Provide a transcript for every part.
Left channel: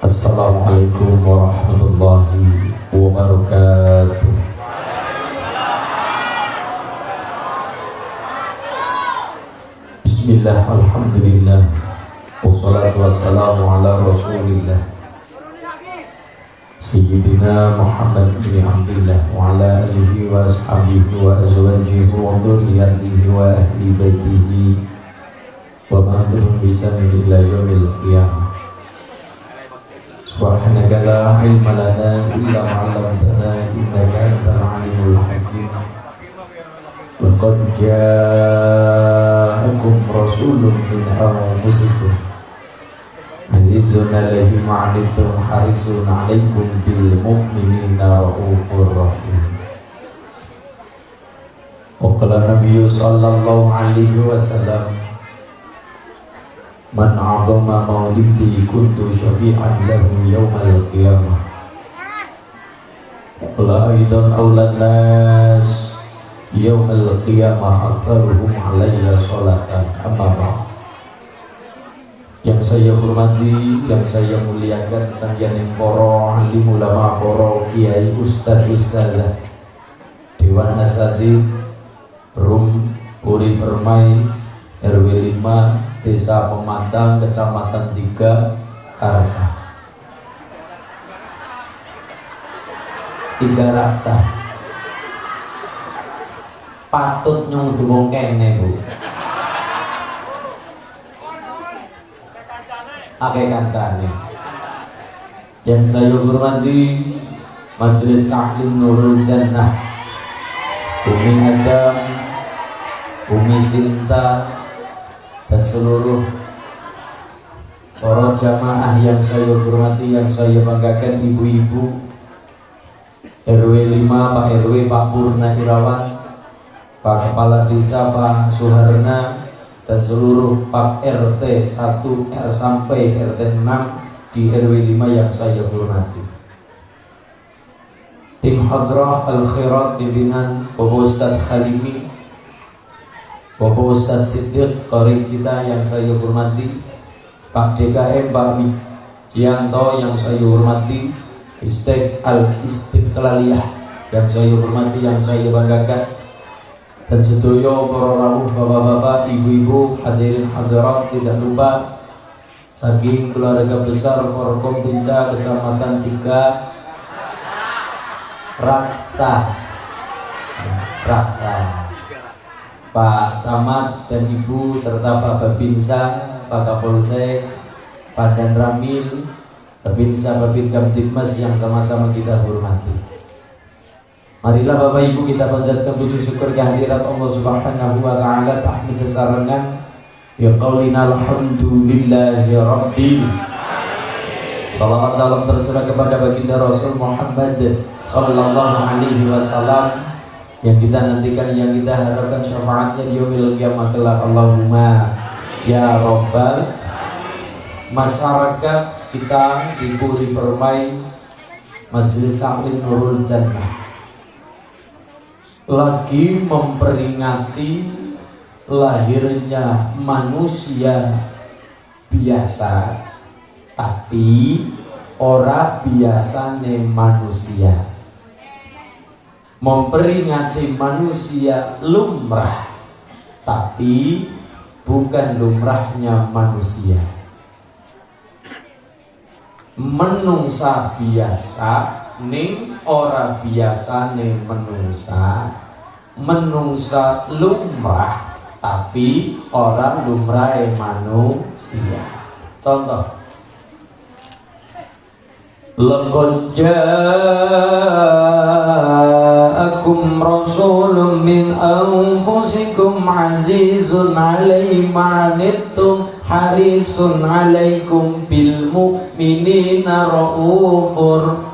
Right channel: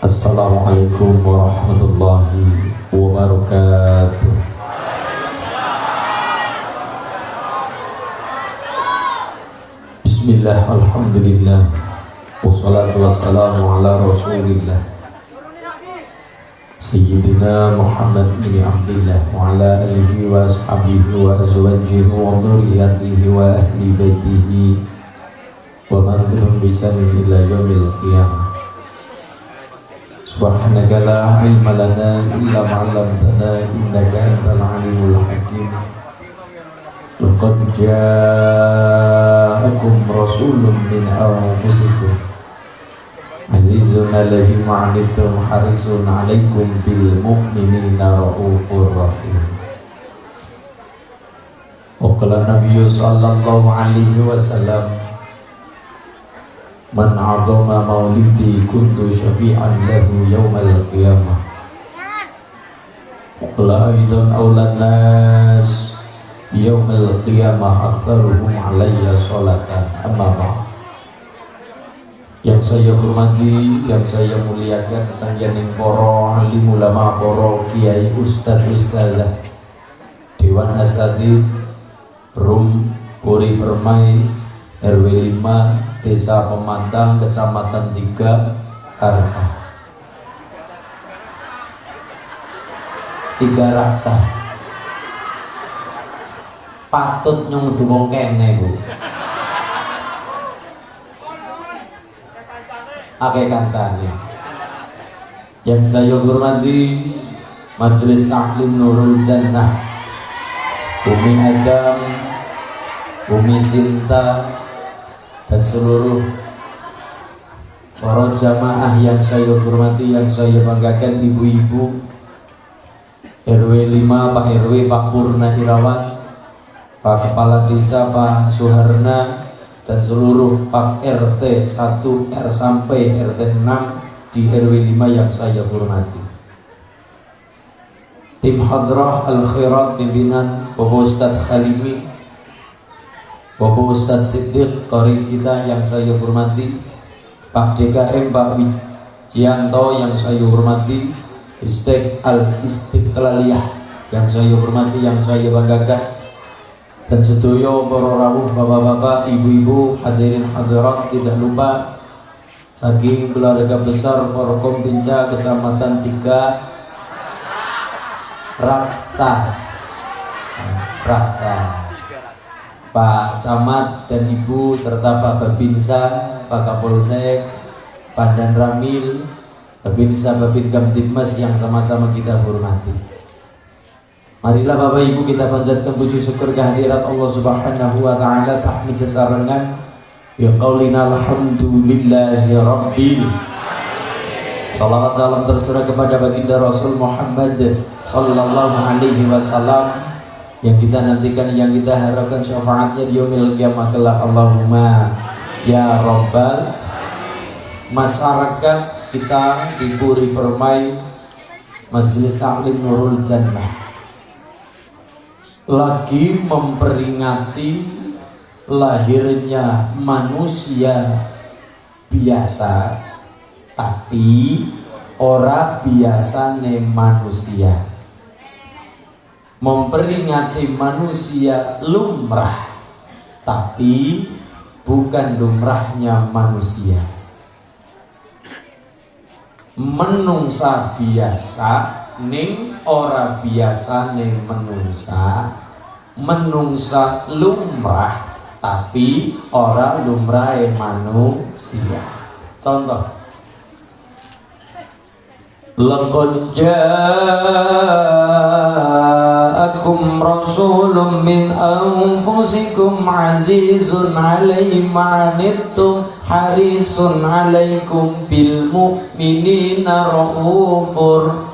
Assalamualaikum warahmatullahi wabarakatuh. Bismillah, alhamdulillah, wassalatu wassalamu ala rasulillah Sayyidina Muhammad bin Abdullah wa ala alihi wa ashabihi wa azwajihi wa dhurriyyatihi wa ahli baitihi wa man tabi'ahum bi ihsanin ila yaumil qiyamah. Subhanaka la ilma lana illa ma 'allamtana innaka antal alimul hakim. Laqad ja'akum rasulun min anfusikum azizun 'alaihi ma 'anittum harisun 'alaikum bil mu'minina raufur rahim. Wa qala Nabi sallallahu alaihi wasallam, man 'azama maulidi kuntu syafi'an lahu yaumal qiyamah. Qala aidan aulan nas yaumal qiyamah aktsaruhum alayya sholatan. Amma ba'd. Yang saya hormati, yang saya muliakan sanjaning para alim ulama, para kiai, ustaz ustazah, dewan asatidz, Rum Puri Permai, RW 5 Desa Pemantang, Kecamatan 3, Karsa. 3 Raksa. Patut nyung dumong kene, Bu. Akeh kancane. Yang saya hormati Majelis Taklim Nurul Jannah, Umi Adam, Umi Sinta, dan seluruh para jamaah yang saya hormati, yang saya banggakan, ibu-ibu RW 5, Pak RW, Pak Purna Irawan, Pak Kepala Desa, Pak Suharna, dan seluruh Pak RT 1 R sampai RT 6 di RW 5 yang saya hormati. Tim Hadrah Al-Khairat pimpinan Bapak Ustadz Khalimi, Bapak Ustadz Siddiq, Qori kita yang saya hormati, Pak DKM, Pak Wijianto yang saya hormati, Istiqlaliyah yang saya hormati, yang saya banggakan, dan sedoyo para rawuh, bapak-bapak, ibu-ibu, hadirin hadirat, tidak lupa saking keluarga besar Forkom Pinca Kecamatan 3 Raksa, Pak Camat dan Ibu serta Pak Babinsa, Pak Kapolsek, Pak Dan Ramil, Babinsa, Babin Kamtibmas yang sama-sama kita hormati. Marilah Bapak Ibu kita panjatkan puji syukur kehadirat Allah Subhanahu wa taala, tahmid sesarengan ya qaulina alhamdulillahi rabbil. Salawat salam tercurah kepada baginda Rasul Muhammad sallallahu alaihi wasallam yang kita nantikan, yang kita harapkan syafaatnya di yaumil qiyamah kelak. Allahumma ya rabbal. Masyarakat kita di Puri Permai, Majelis Taklim Nurul Jannah lagi memperingati lahirnya manusia biasa, tapi ora biasa nih manusia. Memperingati manusia lumrah, tapi bukan lumrahnya manusia. Menungsa biasa ning ora biasa ning menungsa. Menungsa lumrah, tapi ora lumrah manusia. Contoh, laqad ja'akum rasulun min anfusikum azizun 'alaihi ma 'anittum harisun alaikum bil mu'minina raufur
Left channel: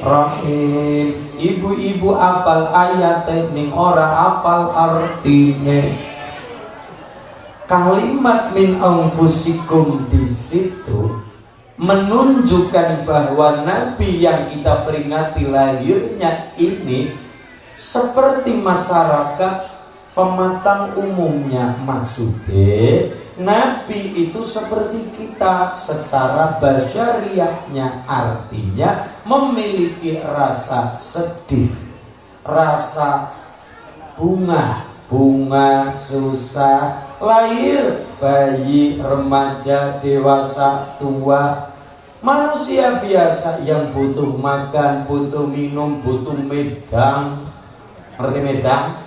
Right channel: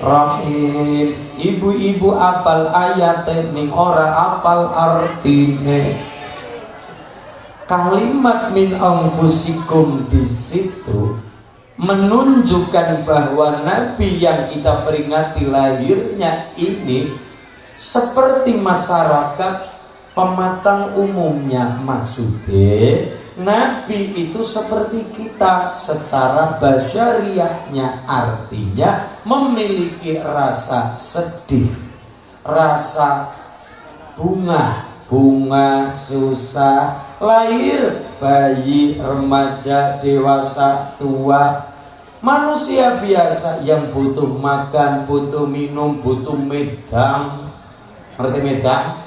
rahim. Ibu-ibu apal ayat ning ora apal artine. Kalimat min anfusikum di situ menunjukkan bahwa Nabi yang kita peringati lahirnya ini seperti masyarakat pematang umumnya. Maksudnya Nabi itu seperti kita secara basyariahnya, artinya memiliki rasa sedih, rasa bunga susah, lahir bayi, remaja, dewasa, tua, manusia biasa yang butuh makan, butuh minum, butuh medang. Ngerti medang?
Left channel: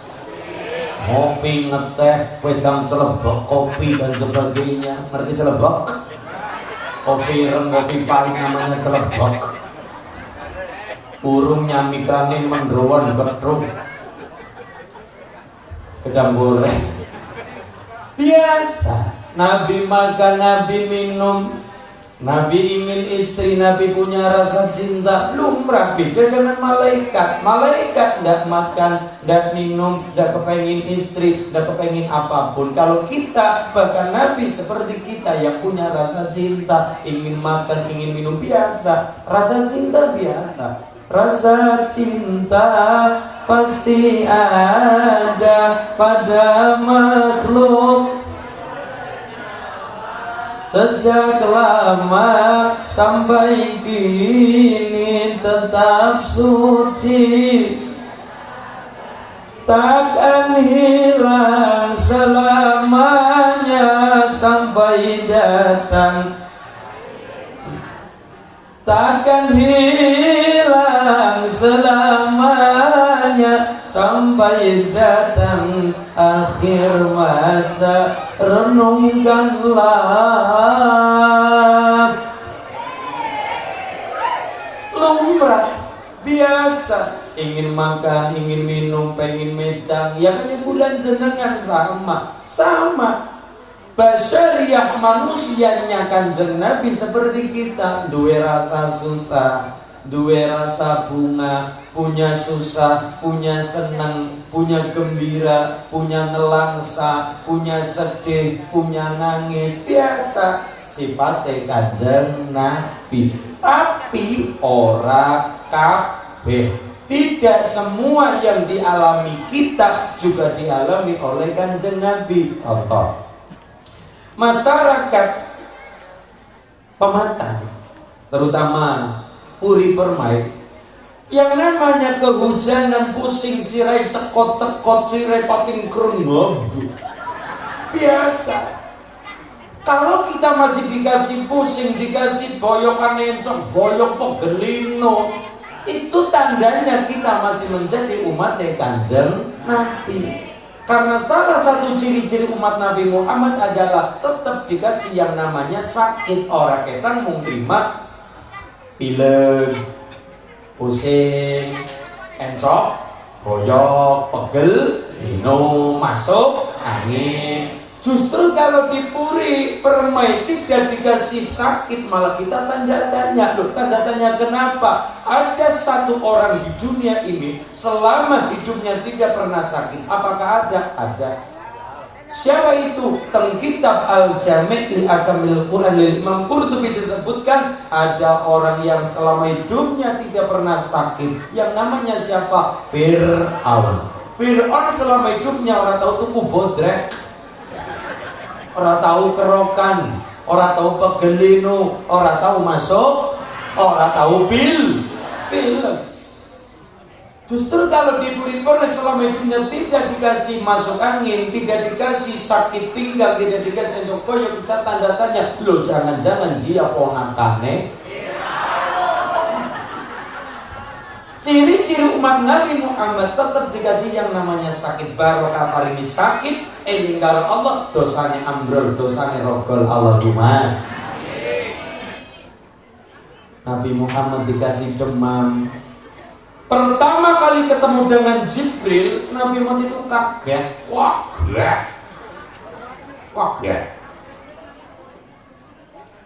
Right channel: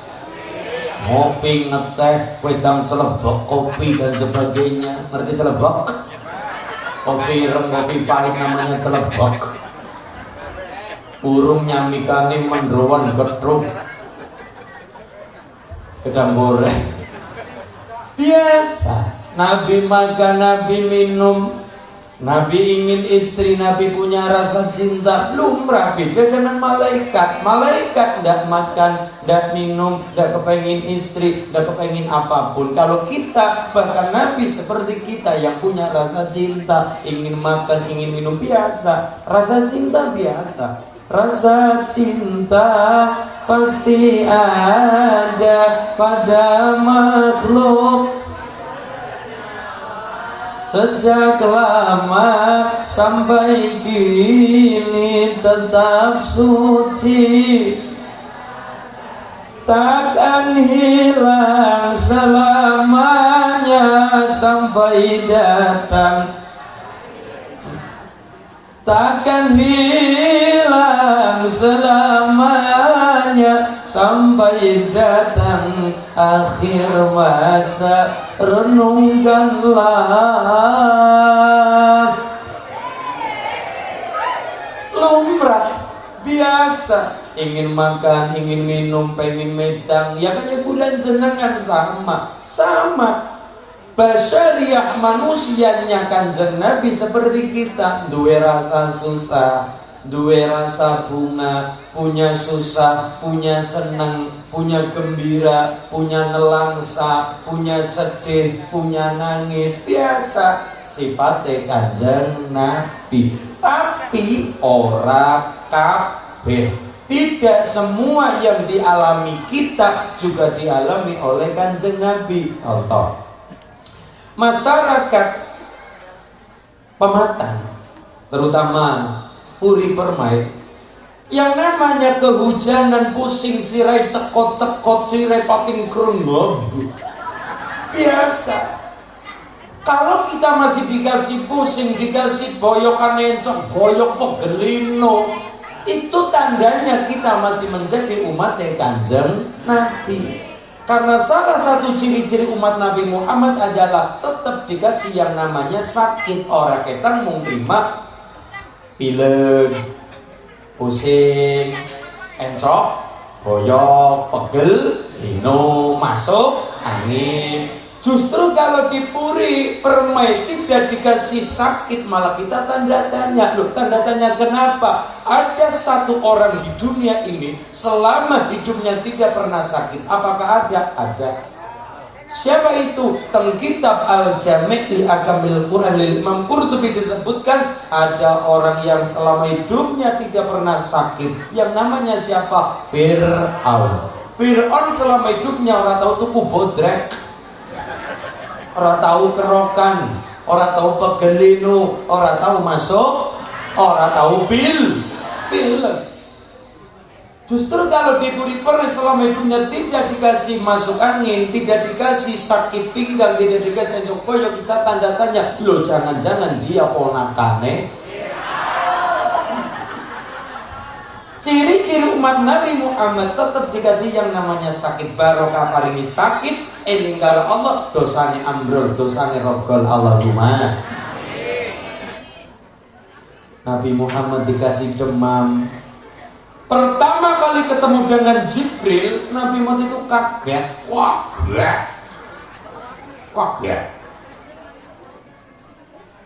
Ngopi, ngeteh, wedang celebok, kopi dan sebagainya. Ngerti celebok? Kopi ireng, kopi pahit namanya celebok. Urung nyamikane mendrowan getruk. Gedang goreng. Biasa. Nabi makan, Nabi minum, Nabi ingin istri, Nabi punya rasa cinta, lumrah. Beda dengan malaikat. Malaikat tidak makan, tidak minum, tidak kepengin istri, tidak kepengin apapun. Kalau kita, bahkan Nabi seperti kita yang punya rasa cinta, ingin makan, ingin minum, biasa. Rasa cinta biasa. Rasa cinta pasti ada pada makhluk. Sejak lama sampai kini tetap suci, takkan hilang selamanya sampai datang. Takkan hilang selamanya sampai datang akhir masa. Renungkanlah, lumrah biasa, ingin makan, ingin minum, pengen medang, ya bulan jenengan sama. Basyariah manusianya Kanjeng Nabi seperti kita, duwe rasa susah, duwe rasa bunga, punya susah, punya senang, punya gembira, punya nelangsa, punya sedih, punya nangis, biasa sifatnya Kanjeng Nabi. Tapi ora kabeh, tidak semua yang dialami kita juga dialami oleh Kanjeng Nabi. Contoh, masyarakat pematang, terutama Puri Permai, yang namanya kehujanan, pusing sirai, cekot-cekot sirai, pating kerenggob, biasa. Kalau kita masih dikasih pusing, dikasih boyokan encok, boyok pegelino, itu tandanya kita masih menjadi umatnya Kanjeng Nabi. Karena salah satu ciri-ciri umat Nabi Muhammad adalah tetap dikasih yang namanya sakit. Orang kita mau terima pilek, pusing, encok, boyok, pegel, lino, masuk angin. Justru kalau di Puri Permai tidak dikasih sakit, malah kita tanda tanya. Loh, tanda tanya kenapa? Ada satu orang di dunia ini selama hidupnya tidak pernah sakit. Apakah ada? Ada. Siapa itu? Dalam kitab Al-Jami' li Akamil Quran lil Imam Qurtubi disebutkan ada orang yang selama hidupnya tidak pernah sakit. Yang namanya siapa? Fir'aun. Fir'aun selama hidupnya orang tahu tuku bodrek, orang tahu kerokan, orang tahu pegelinu, orang tahu masuk, orang tahu pil. Justru kalau di Puri Permai selama hidupnya tidak dikasih masuk angin, tidak dikasih sakit pinggang, tidak dikasih encok boyok, kita tanda tanya, loh jangan-jangan dia ponakane. Ciri-ciri umat Nabi Muhammad tetap dikasih yang namanya sakit. Barokah hari ini sakit, ninggal Allah, dosanya ambrol, dosanya rogol. Allahumma. Nabi Muhammad dikasih demam. Pertama kali ketemu dengan Jibril, Nabi Muhammad itu kaget. Kaget.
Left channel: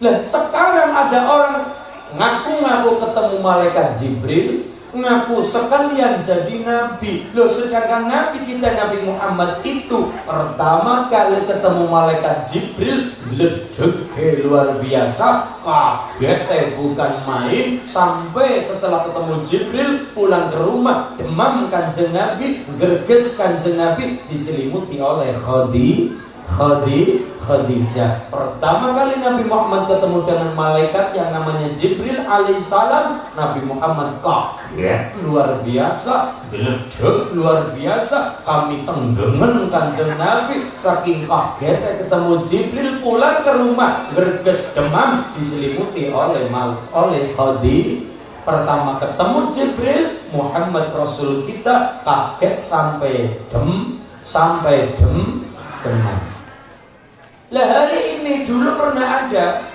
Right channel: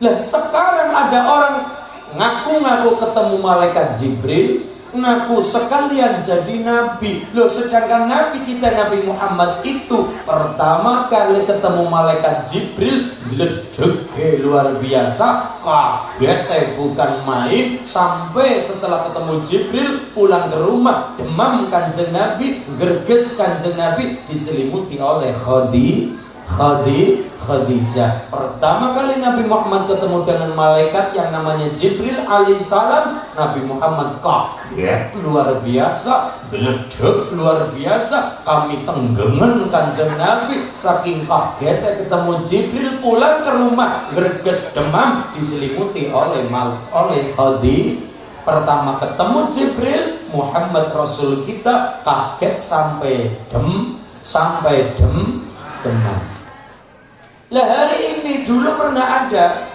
Lah sekarang ada orang ngaku-ngaku ketemu malaikat Jibril, ngaku sekalian jadi nabi. Loh, sedangkan nabi kita Nabi Muhammad itu pertama kali ketemu malaikat Jibril ledege luar biasa, kaget bukan main. Sampai setelah ketemu Jibril pulang ke rumah, demam kanjeng Nabi, gerges kanjeng Nabi, diselimuti oleh Khadijah. Pertama kali Nabi Muhammad ketemu dengan malaikat yang namanya Jibril alaihissalam, Nabi Muhammad kaget luar biasa, geledek luar biasa, kami tenggemen kanjeng Nabi saking kagetnya ketemu Jibril. Pulang ke rumah gerges demam, diselimuti oleh Khadijah. Pertama ketemu Jibril, Muhammad Rasul kita kaget sampai demam. Lah hari ini dulu pernah ada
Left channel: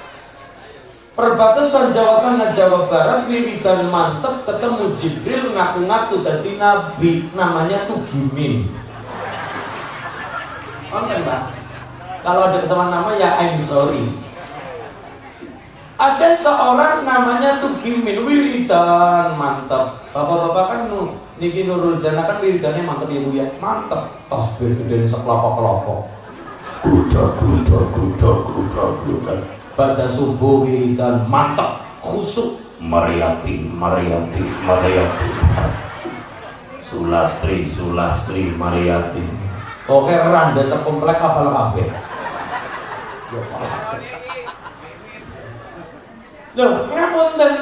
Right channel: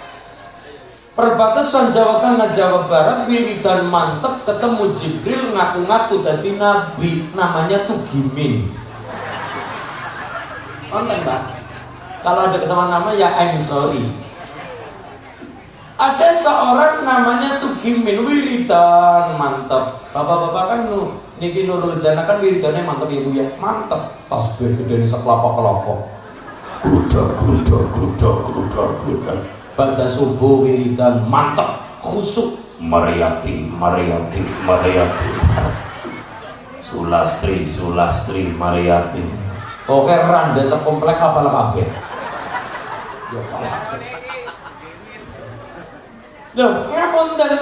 perbatasan Jawa Tengah Jawa Barat, wiridan mantep ketemu Jibril ngaku-ngaku jadi nabi, namanya Tugimin. Oke Mbak, kalau ada kesamaan nama ya I'm sorry. Ada seorang namanya Tugimin, wiridan mantep. Bapak-bapak kan niki Nurul Jana kan wiridannya mantep ya Bu ya, mantep. Tasbih gede sekelapa-kelapa. Gudak. Pada subuh wiridan mantap, khusuk Mariyati. Sulastri Mariyati. Oke, randa sekomplek apa kabeh. Loh, ngapunten,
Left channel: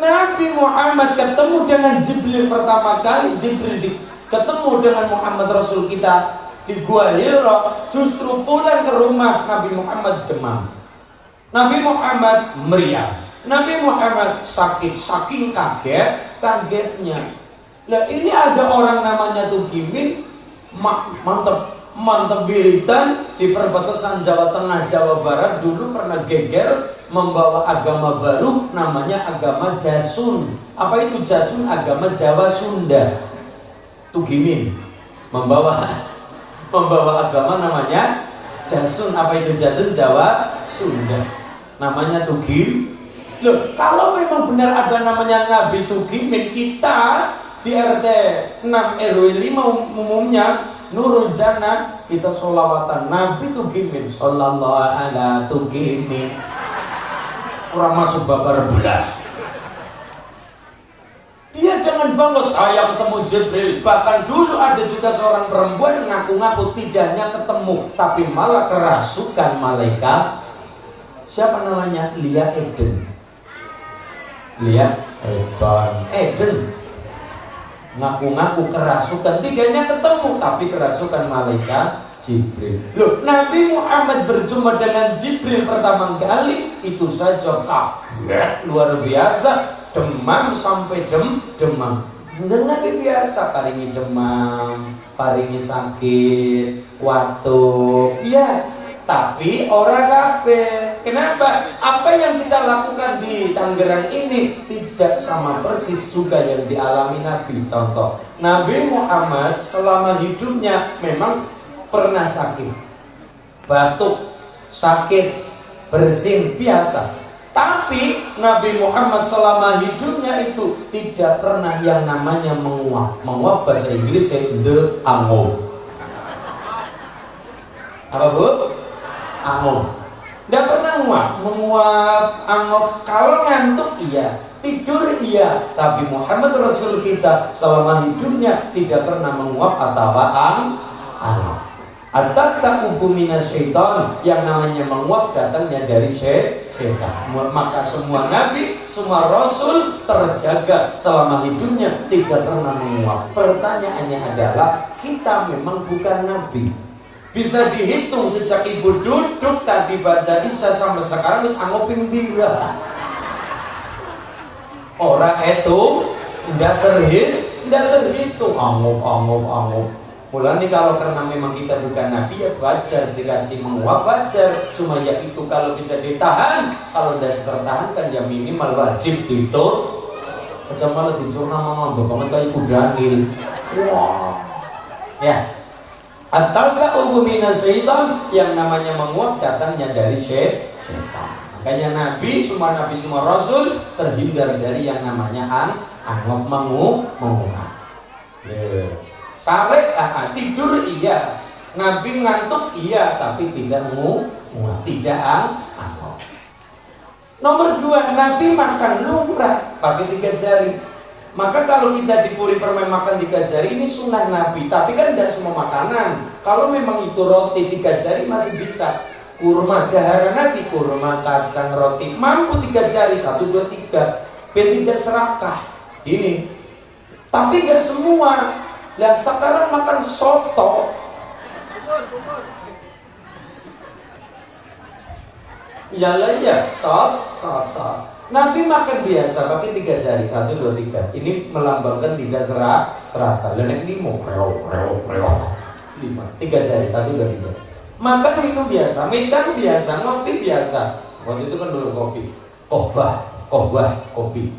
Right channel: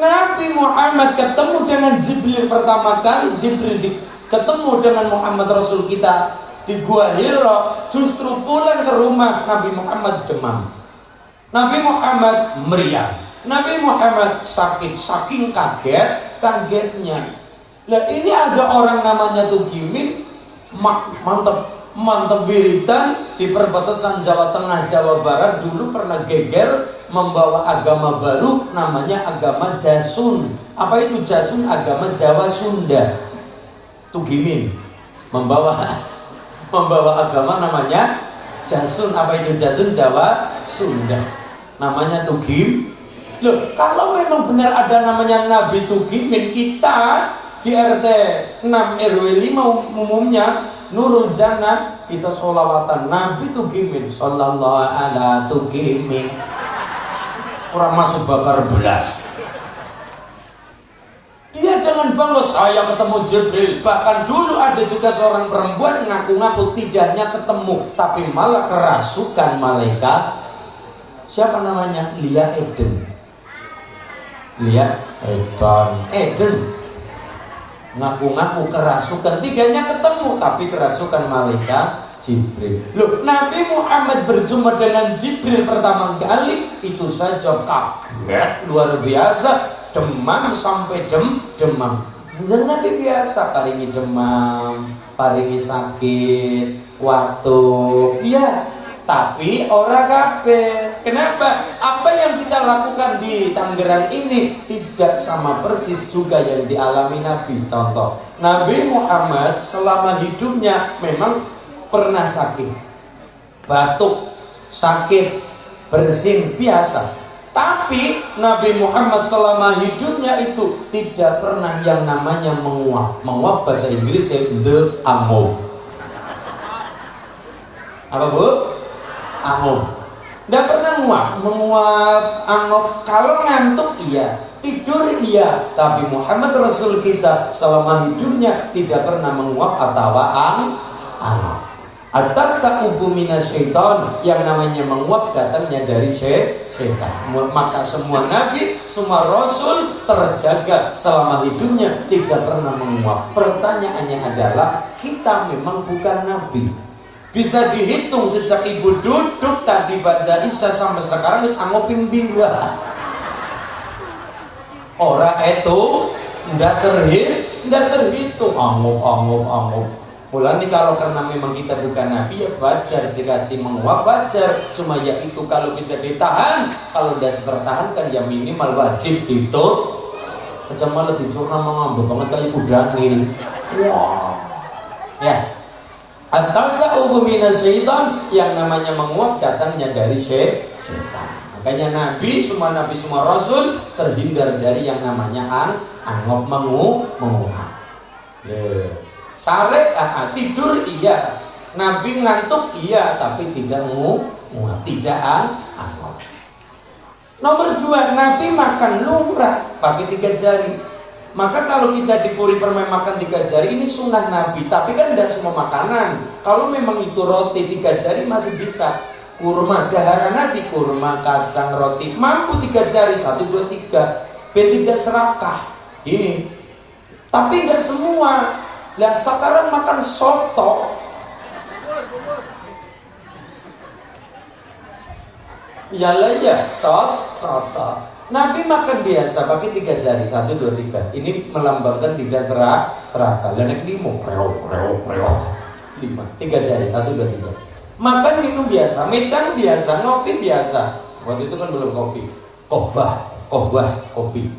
Nabi Muhammad ketemu dengan Jibril pertama kali. Jibril ketemu dengan Muhammad Rasul kita di Gua Hira, justru pulang ke rumah Nabi Muhammad demam, Nabi Muhammad meriang, Nabi Muhammad sakit, saking kagetnya. Lah ini ada orang namanya Tugimin, mantep wiridan di perbatasan Jawa Tengah Jawa Barat, dulu pernah geger membawa agama baru namanya agama Jasun. Apa itu Jasun? Agama Jawa Sunda. Tugimin membawa agama namanya Jasun. Apa itu Jasun? Jawa Sunda. Namanya Tugim. Loh, kalau memang benar ada namanya Nabi Tugimin, kita di RT 6 RW 5 umumnya Nurul Jannah, kita sholawatan Nabi Tugimin, sallallahu ala Tugimin. Orang masuk babar belas. Dia dengan bangga, saya ketemu Jibril. Bahkan dulu ada juga seorang perempuan ngaku-ngaku tidaknya ketemu, tapi malah kerasukan malaikat. Siapa namanya? Lia Eden. Ngaku-ngaku kerasukan, tidaknya ketemu, tapi kerasukan malaikat Jibril. Loh, Nabi Muhammad berjumpa dengan Jibril pertama kali, itu saja kaget luar biasa. Demam sampai demam. Nabi biasa paringi demam, paringi sakit, watuk. Iya, tapi orang kabeh. Kenapa? Apa yang kita lakukan di Tangerang ini tidak sama persis juga yang dialami Nabi. Contoh, Nabi Muhammad selama hidupnya memang pernah sakit, batuk, sakit, bersin biasa. Tapi Nabi Muhammad selama hidupnya itu tidak pernah yang namanya menguap. Menguap bahasa Inggris the angop. Apa Bu? Angop. Tidak pernah menguap, angop. Kalau ngantuk iya, tidur iya. Tapi Muhammad Rasul kita selama hidupnya tidak pernah menguap atau angop. At-takubu minasyaitan, yang namanya menguap datangnya dari setan. Maka semua nabi, semua rasul terjaga selama hidupnya tidak pernah menguap. Pertanyaannya adalah, kita memang bukan nabi. Bisa dihitung sejak ibu duduk tadi pada Isya sampai sekarang wis angopin bila. Orang itu tidak terhitung angop. Mulanya kalau karena memang kita bukan nabi ya wajar dikasih menguap, wajar. Cuma ya itu kalau bisa ditahan, kalau tidak dipertahankan ya minimal wajib ditutup. Aja malah dicurna ngambek banget kayak kudanil. Wah. Ya. At-tasa'ubu minasyaitan, yang namanya menguap datangnya dari setan. Makanya Nabi semua Rasul terhindar dari yang namanya angop menguap. Sare tidur iya, Nabi ngantuk iya, tapi tidak menguap, tidak angop. Nomor 2, Nabi makan lumrah pakai 3 jari. Maka kalau kita di Puri Permai makan 3 jari, ini sunnah Nabi. Tapi kan tidak semua makanan. Kalau memang itu roti 3 jari masih bisa. Kurma dahara Nabi, kurma, kacang, roti, mampu 3 jari, 1, 2, 3. Biar tidak serakah. Ini. Tapi nggak semua. Lah sekarang makan soto. Yalah ya, soto. Nabi makan biasa pakai 3 jari, 1, 2, 3. Ini melambangkan 3 serakah. Lalu limo, 5, 3 jari, 1, 2, 3. Makan minum biasa, minum biasa, ngopi biasa. Waktu itu kan belum kopi. Kohbah, kopi.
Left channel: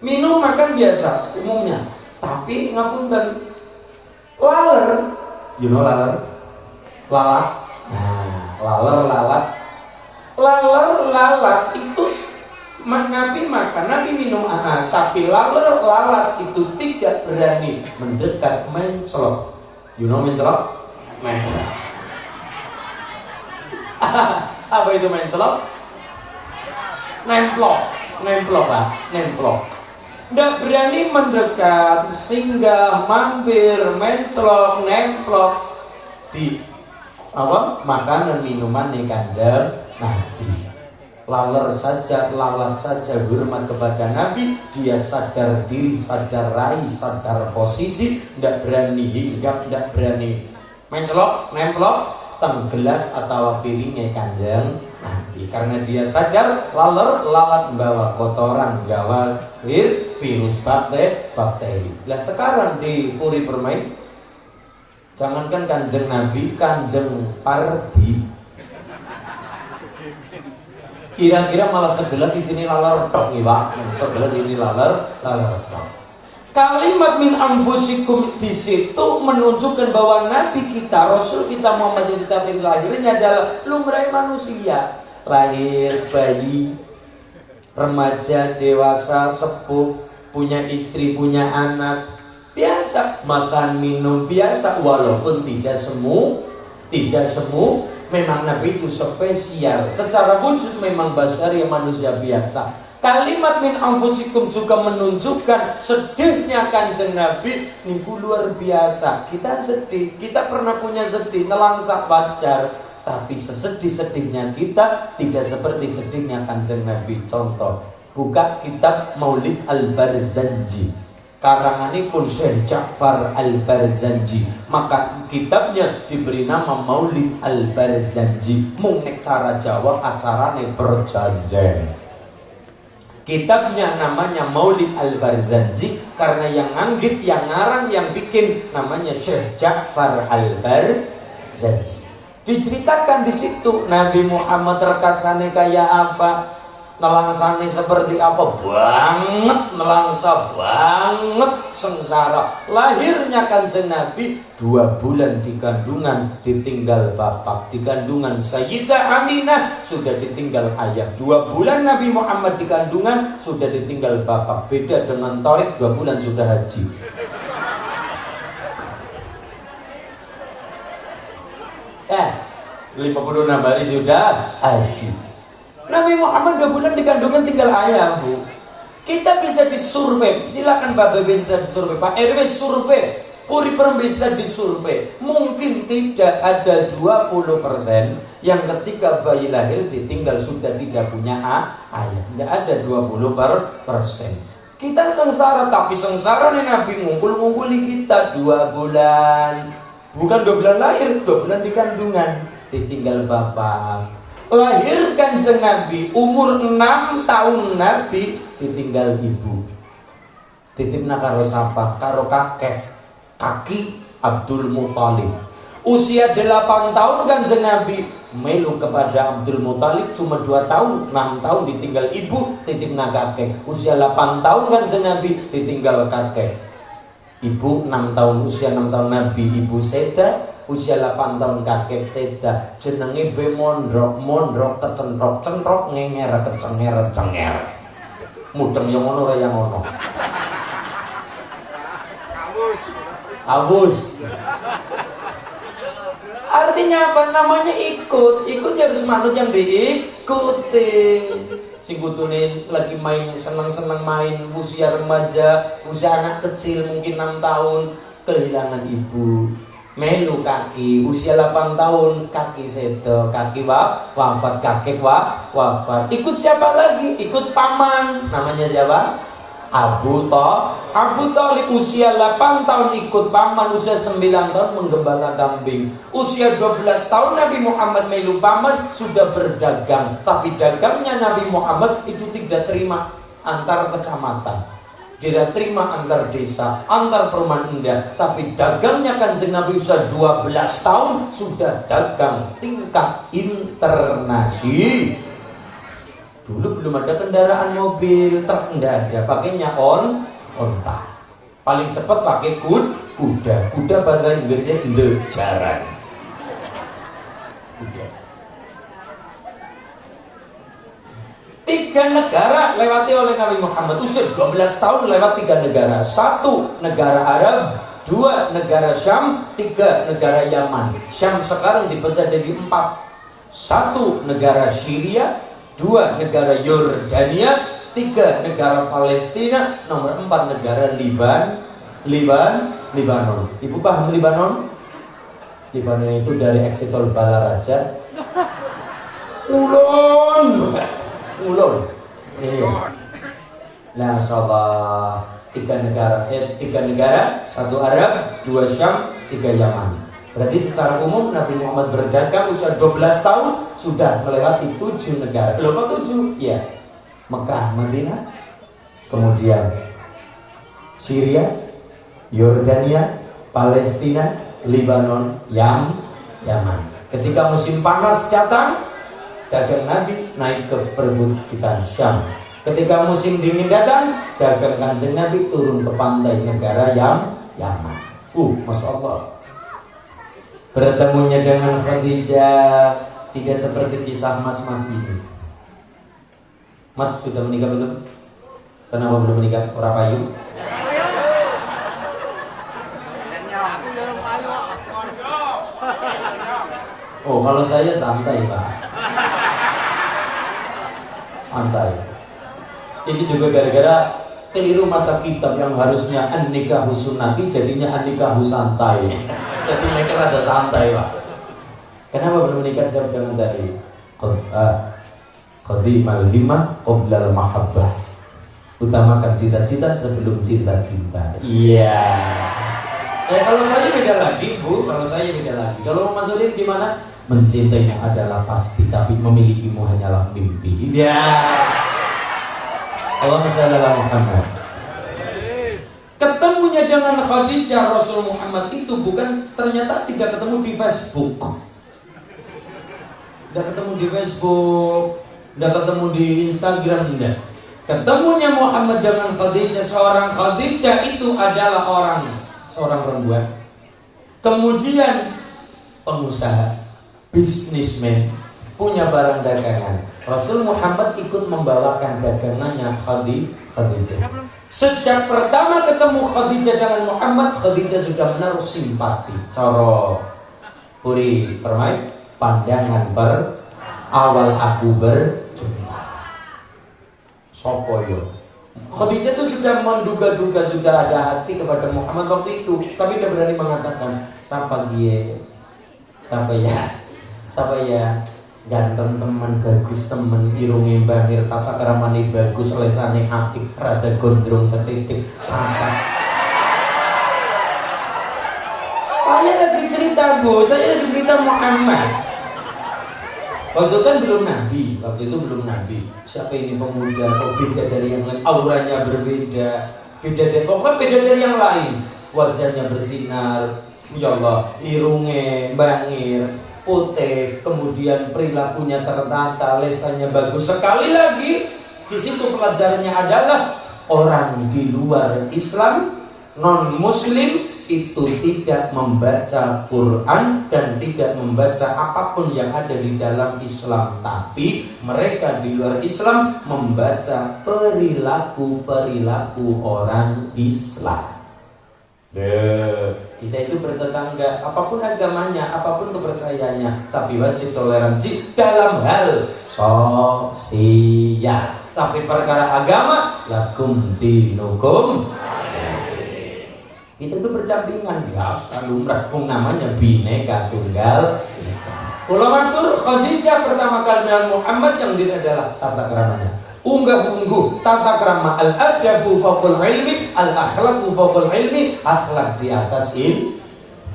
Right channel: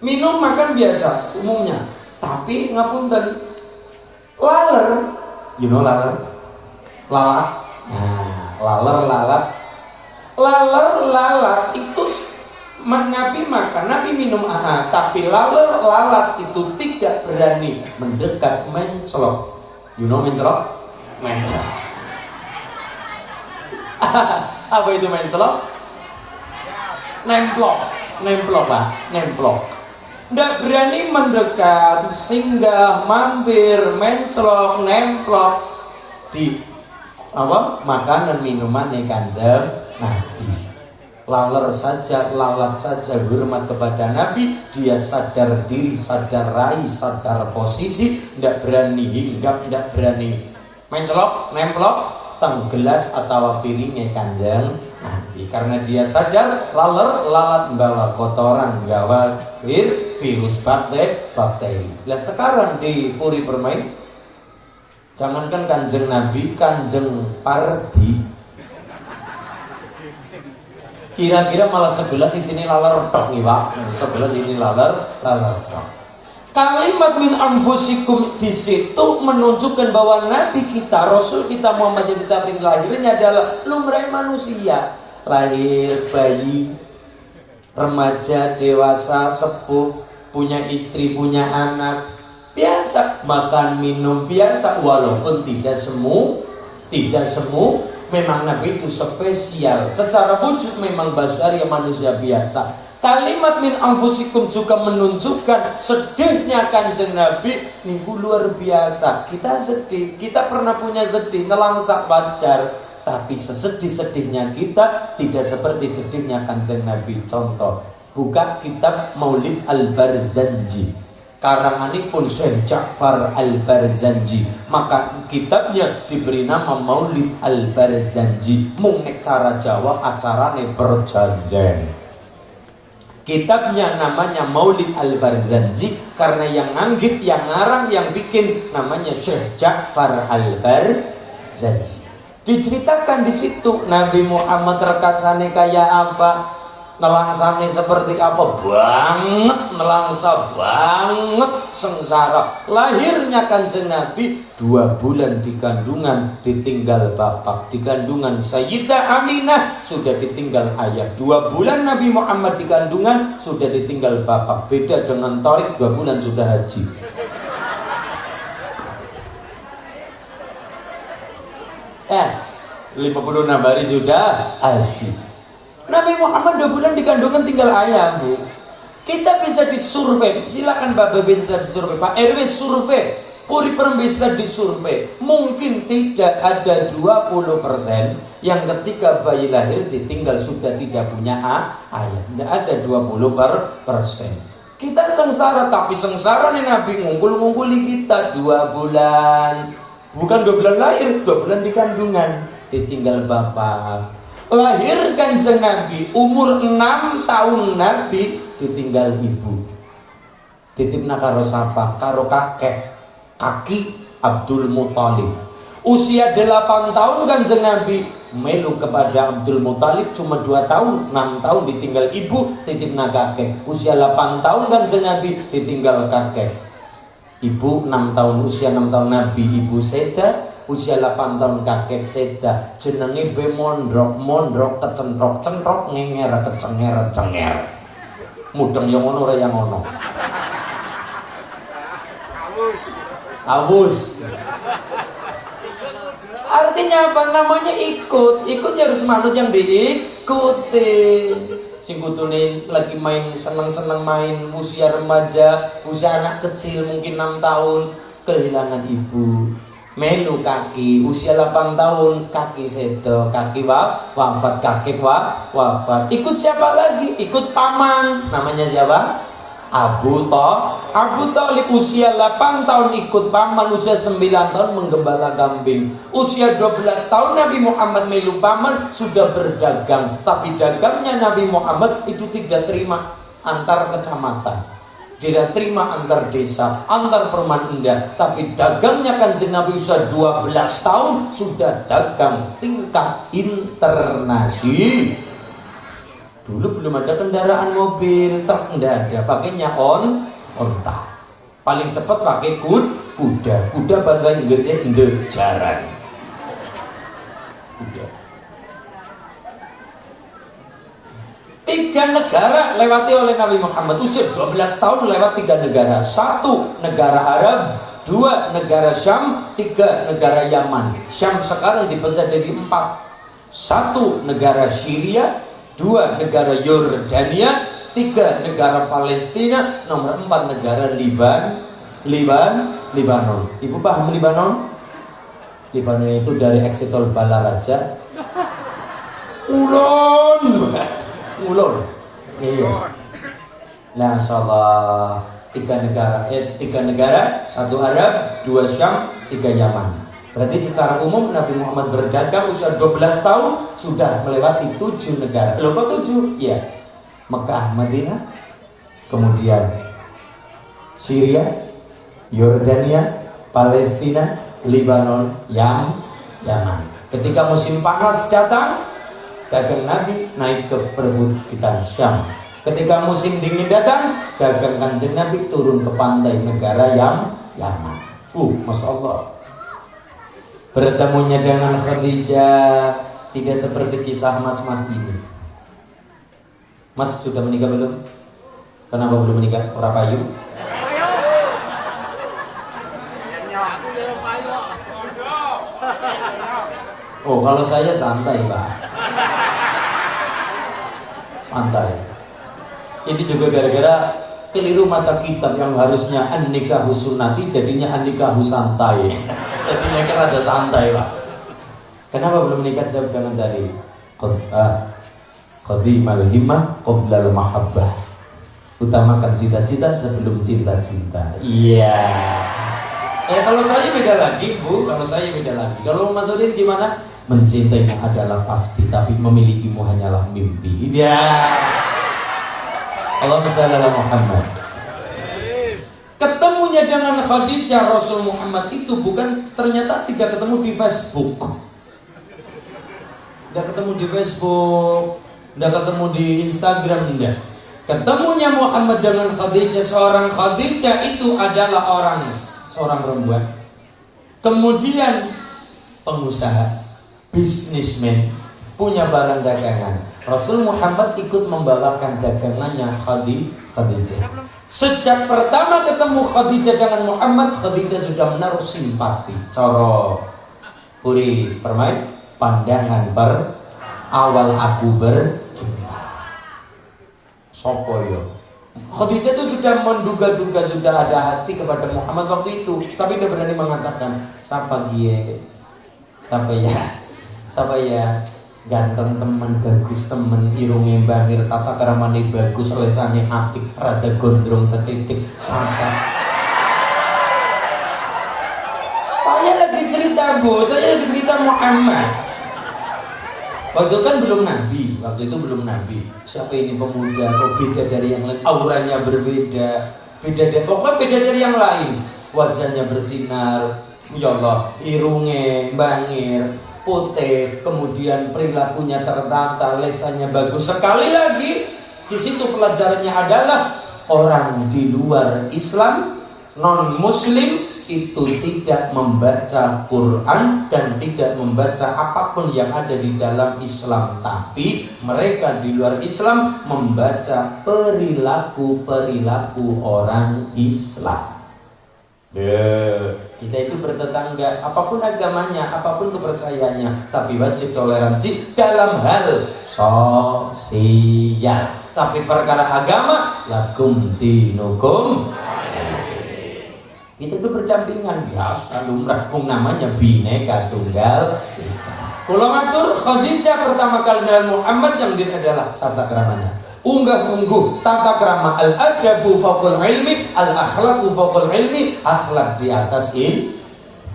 Minum makan biasa umumnya. Tapi ngapunten, laler, you know laler? Lalat. Nah, lalat itu Nabi makan, Nabi minum, tapi lalat itu tidak berani mendekat mencelok. You know mencelok? Apa itu mencelok? Nemplok Pak, nemplok. Nggak berani mendekat, singgah, mampir, mencelok, nemplok di makanan minuman nih Kanjeng Nabi. Lalat saja hormat kepada Nabi. Dia sadar diri, sadar rai, sadar posisi. Nggak berani hinggap, nggak berani mencelok, nemplok teng gelas atau piringnya Kanjeng Nabi. Karena dia sadar lalat membawa kotoran, gawa virus, bakteri. Lah sekarang di Puri Permai, jangankan Kanjeng Nabi, Kanjeng Pardi, kira-kira malah 11 di sini laler tok nih Pak. 11 ini laler tok. Kalimat min anfusikum di situ menunjukkan bahwa Nabi kita, Rasul kita Muhammad yang kita pilih lahirnya adalah lumrah manusia. Lahir, bayi, remaja, dewasa, sepuh, punya istri, punya anak, biasa makan minum biasa, walaupun tidak semu. Memang Nabi itu spesial. Secara wujud memang basyari manusia biasa. Kalimat min anfusikum juga menunjukkan sedihnya Kanjeng Nabi niku luar biasa. Kita sedih, kita pernah punya sedih, nelangsak wajar. Tapi sesedih-sedihnya kita tidak seperti sedihnya Kanjeng Nabi. Contoh, buka kitab Maulid Al-Barzanji, karanganipun Syekh Ja'far Al-Barzanji. Maka kitabnya diberi nama Maulid Al-Barzanji. Mung nek cara Jawa acarane perjanjian. Kitabnya namanya Maulid Al-Barzanji karena yang nganggit, yang ngarang, yang bikin namanya Syekh Ja'far Al-Barzanji. Diceritakan di situ Nabi Muhammad rekasane kayak apa, nelangsane seperti apa, nelangsa banget sengsara. Lahirnya Kanjeng Nabi 2 bulan di kandungan ditinggal bapak, di kandungan Sayyidah Aminah sudah ditinggal ayah. 2 bulan Nabi Muhammad di kandungan sudah ditinggal bapak. Beda dengan Tariq 2 bulan sudah haji. 56 hari sudah haji. Nabi Muhammad 2 bulan di kandungan tinggal ayah, Bu. Kita bisa disurvei, silakan Pak Bebin bisa disurvei, Pak RW survei, Puri Permai bisa disurvei. Mungkin tidak ada 20% yang ketika bayi lahir ditinggal sudah tidak punya ayah. Tidak ada 20%. Kita sengsara, tapi sengsara nih Nabi ngumpul-ngumpuli kita 2 bulan. Bukan 2 bulan lahir, 2 bulan di kandungan ditinggal bapak. Lahir Kanjeng Nabi umur 6 tahun Nabi ditinggal ibu. Titipna karo sapa? Karo kaki Abdul Muthalib. Usia 8 tahun Kanjeng Nabi melu kepada Abdul Muthalib, cuma 2 tahun, 6 tahun ditinggal ibu, titipna kakek. Usia 8 tahun Kanjeng Nabi ditinggal kakek. Ibu 6 tahun, usia 6 tahun Nabi ibu seda, usia 8 tahun kakek seda, jenenge be mondrok kecentrok ngenger cenger mudeng yang ngono ora yang ngono awus. Artinya apa? Namanya ikutnya harus manut yang diikuti. Sing kutune lagi main senang main usia remaja, usia anak kecil mungkin 6 tahun kehilangan ibu, melu kaki, usia 8 tahun kaki sedo, kaki wafat, kakek wafat. Ikut siapa lagi? Ikut paman. Namanya siapa? Abu Thalib. Usia 8 tahun ikut paman, usia 9 tahun menggembala kambing, usia 12 tahun Nabi Muhammad melu paman sudah berdagang. Tapi dagangnya Nabi Muhammad itu tidak terima antar kecamatan, tidak terima antar desa, antar perumahan indah. Tapi dagangnya Kanjeng Nabi usia 12 tahun sudah dagang tingkat internasional. Dulu belum ada kendaraan mobil, truk enggak ada, pakainya onta. Paling cepat pakai kuda bahasa Inggrisnya ndejaran. Kuda. 3 negara lewati oleh Nabi Muhammad usia 12 tahun, lewat 3 negara. 1 negara Arab, 2 negara Syam, 3 negara Yaman. Syam sekarang dipecah jadi 4. 1 negara Syria, 2 negara Yordania, 3 negara Palestina, nomor 4 negara Libanon. Ibu paham Libanon? Libanon itu dari Eksitol Balaraja. Ulun. Iya. Nah, salah 3 negara, 1 Arab, 2 Syam, 3 Yaman. Berarti secara umum Nabi Muhammad berdagang usia 12 tahun sudah melewati 7 negara. Kok 7? Ya, Mekah, Madinah, kemudian Syria, Yordania, Palestina, Libanon, Yaman. Ketika musim panas datang, dagang Nabi naik ke perbukitan Syam. Ketika musim dingin datang, dagang Kanjeng Nabi turun ke pantai negara Yaman. Masya Allah. Bertemunya dengan Khadijah tidak seperti kisah mas-mas ini. Mas sudah menikah belum? Kenapa belum menikah? Orang payu? Oh, kalau saya santai Pak. Santai. Ini juga gara-gara keliru maca kitab yang harusnya an-nikahu sunnati jadinya an-nikahu santai. Jadi mereka ada santai Pak. Kenapa belum menikah? Jawab dengan tadi qadimal himmah qoblal mahabbah. Utamakan cita-cita sebelum cinta-cinta. Iya. Kalau saya beda lagi Bu. Kalau Mas Udin gimana? Mencintaimu adalah pasti, tapi memilikimu hanyalah mimpi. Iya. Allahumma shalli ala Muhammad. Ketemunya dengan Khadijah Rasul Muhammad itu bukan ternyata tidak ketemu di Facebook. Tidak ketemu di Facebook, tidak ketemu di Instagram, enggak. Ketemunya Muhammad dengan Khadijah, seorang Khadijah itu adalah seorang perempuan. Kemudian pengusaha, bisnismen, punya barang dagangan. Rasul Muhammad ikut membawakan dagangannya Khadijah. Sejak pertama ketemu Khadijah dengan Muhammad, Khadijah sudah menaruh simpati. Coro puri permai pandangan awal aku berjumpa. Sopoyo. Khadijah itu sudah menduga-duga, sudah ada hati kepada Muhammad waktu itu, tapi dia berani mengatakan, siapa ya ganteng teman, bagus teman, irunge bangir, tata keramane bagus, lesane apik, rada gondrong setitik, sangka. Saya lagi cerita Muhammad. Waktu itu kan belum nabi. Siapa ini pemuda? Kok beda dari yang lain? Auranya berbeda. Pokoknya beda dari yang lain. Wajahnya bersinar, ya Allah, irunge bangir, putih, kemudian perilakunya tertata, lesannya bagus. Sekali lagi, di situ pelajarannya adalah orang di luar Islam, non Muslim, itu tidak membaca Quran dan tidak membaca apapun yang ada di dalam Islam, tapi mereka di luar Islam membaca perilaku-perilaku orang Islam. Kita itu bertetangga, apapun agamanya, apapun kepercayaannya, tapi wajib toleransi dalam hal sosial. Tapi perkara agama, lakum dinukum, itu berdampingan, biasa lumrah, namanya Bhinneka Tunggal Ika. Kula matur, Khadijah pertama kali dengan Muhammad yang dia adalah tata keramanya. Unggah-ungguh tata krama, al-adabu fawqal ilmi, al-akhlaqu fawqal ilmi, akhlak di atas ilmu.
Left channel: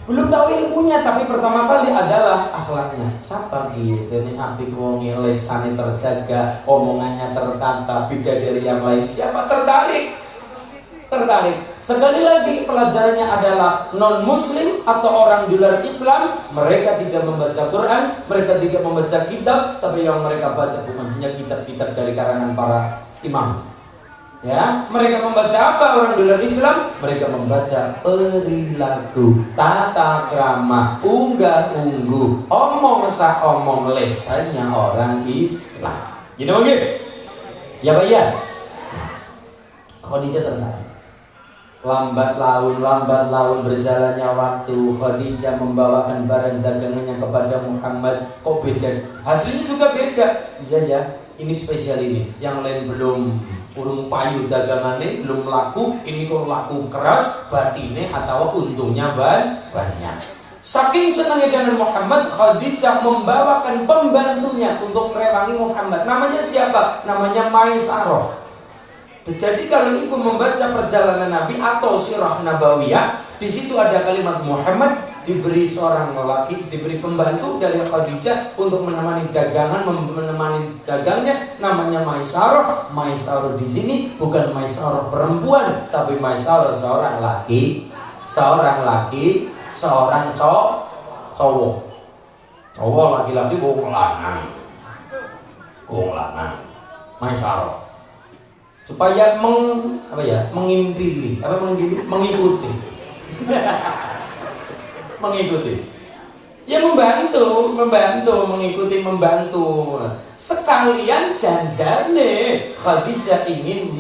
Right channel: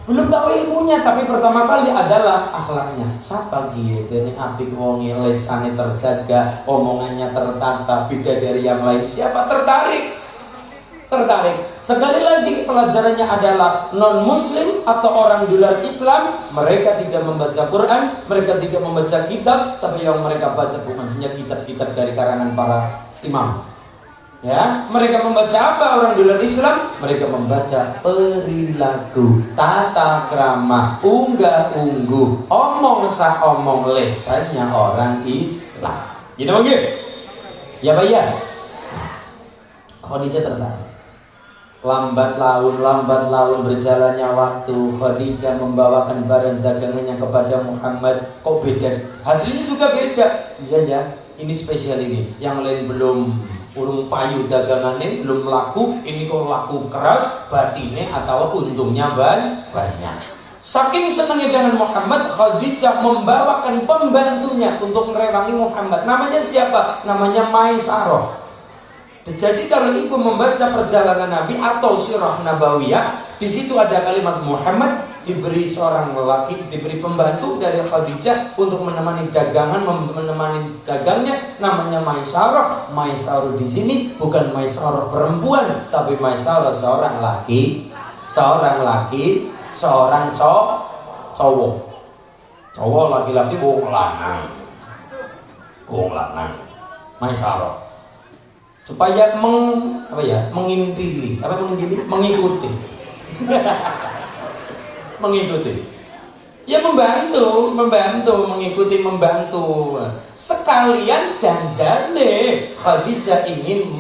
Belum tahu ilmunya, tapi pertama kali adalah akhlaknya. Siapa gitu ini apik wonge, lesane terjaga, omongannya tertata, beda dari yang lain. Siapa tertarik? Sekali lagi pelajarannya adalah non muslim atau orang di luar Islam, mereka tidak membaca Quran, mereka tidak membaca kitab, tapi yang mereka baca bukan hanya kitab-kitab dari karangan para imam. Ya, mereka membaca apa orang di luar Islam? Mereka membaca perilaku, tata krama, unggah-ungguh, omong sak omong lesannya orang Islam. Gitu mungkin? Ya Pak ya. Khadijah tertarik. Lambat laun berjalannya waktu, Khadijah membawakan barang dagangannya kepada Muhammad. Kok beda? Hasilnya juga beda. Iya ya, ini spesial ini. Yang lain belum urung payu dagangannya, belum laku. Ini kok laku keras, batinnya atau untungnya banyak. Saking senangnya dengan Muhammad, Khadijah membawakan pembantunya untuk merewangi Muhammad. Namanya siapa? Namanya Maisarah. Jadi kalau ibu membaca perjalanan Nabi atau sirah nabawiyah, di situ ada kalimat Muhammad diberi seorang lelaki, diberi pembantu dari Khadijah untuk menemani dagangan, menemani dagangnya, namanya Maisarah. Maisarah di sini bukan Maisarah perempuan, tapi Maisarah seorang laki, seorang cowok. Cowok laki-laki wong lanang. Maisarah. Supaya mengikuti. Ya membantu, membantu. Sekalian janjane Khadijah ingin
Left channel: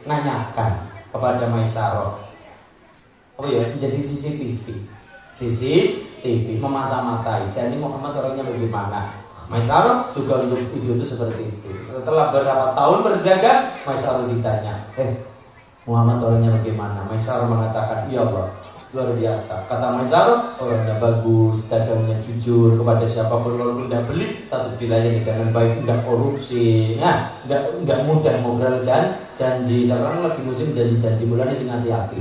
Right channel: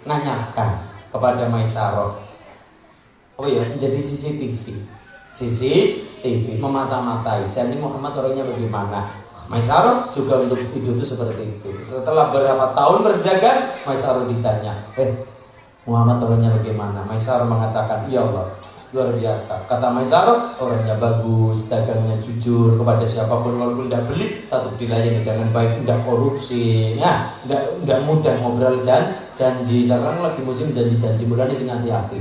menanyakan kepada Maisarah. Jadi CCTV memata-matai. Jadi Muhammad orangnya bagaimana? Maisarah juga untuk hidup itu seperti itu. Setelah beberapa tahun berdagang, Maisarah ditanya, Muhammad orangnya bagaimana? Maisarah mengatakan, iya Allah, luar biasa. Kata Maisarah, orangnya bagus, dagangnya jujur kepada siapapun, kalau udah beli, tetap dilayani dengan baik, udah korupsi, ya, udah mudah ngobrol janji. Sekarang lagi musim janji bulan ini hati-hati.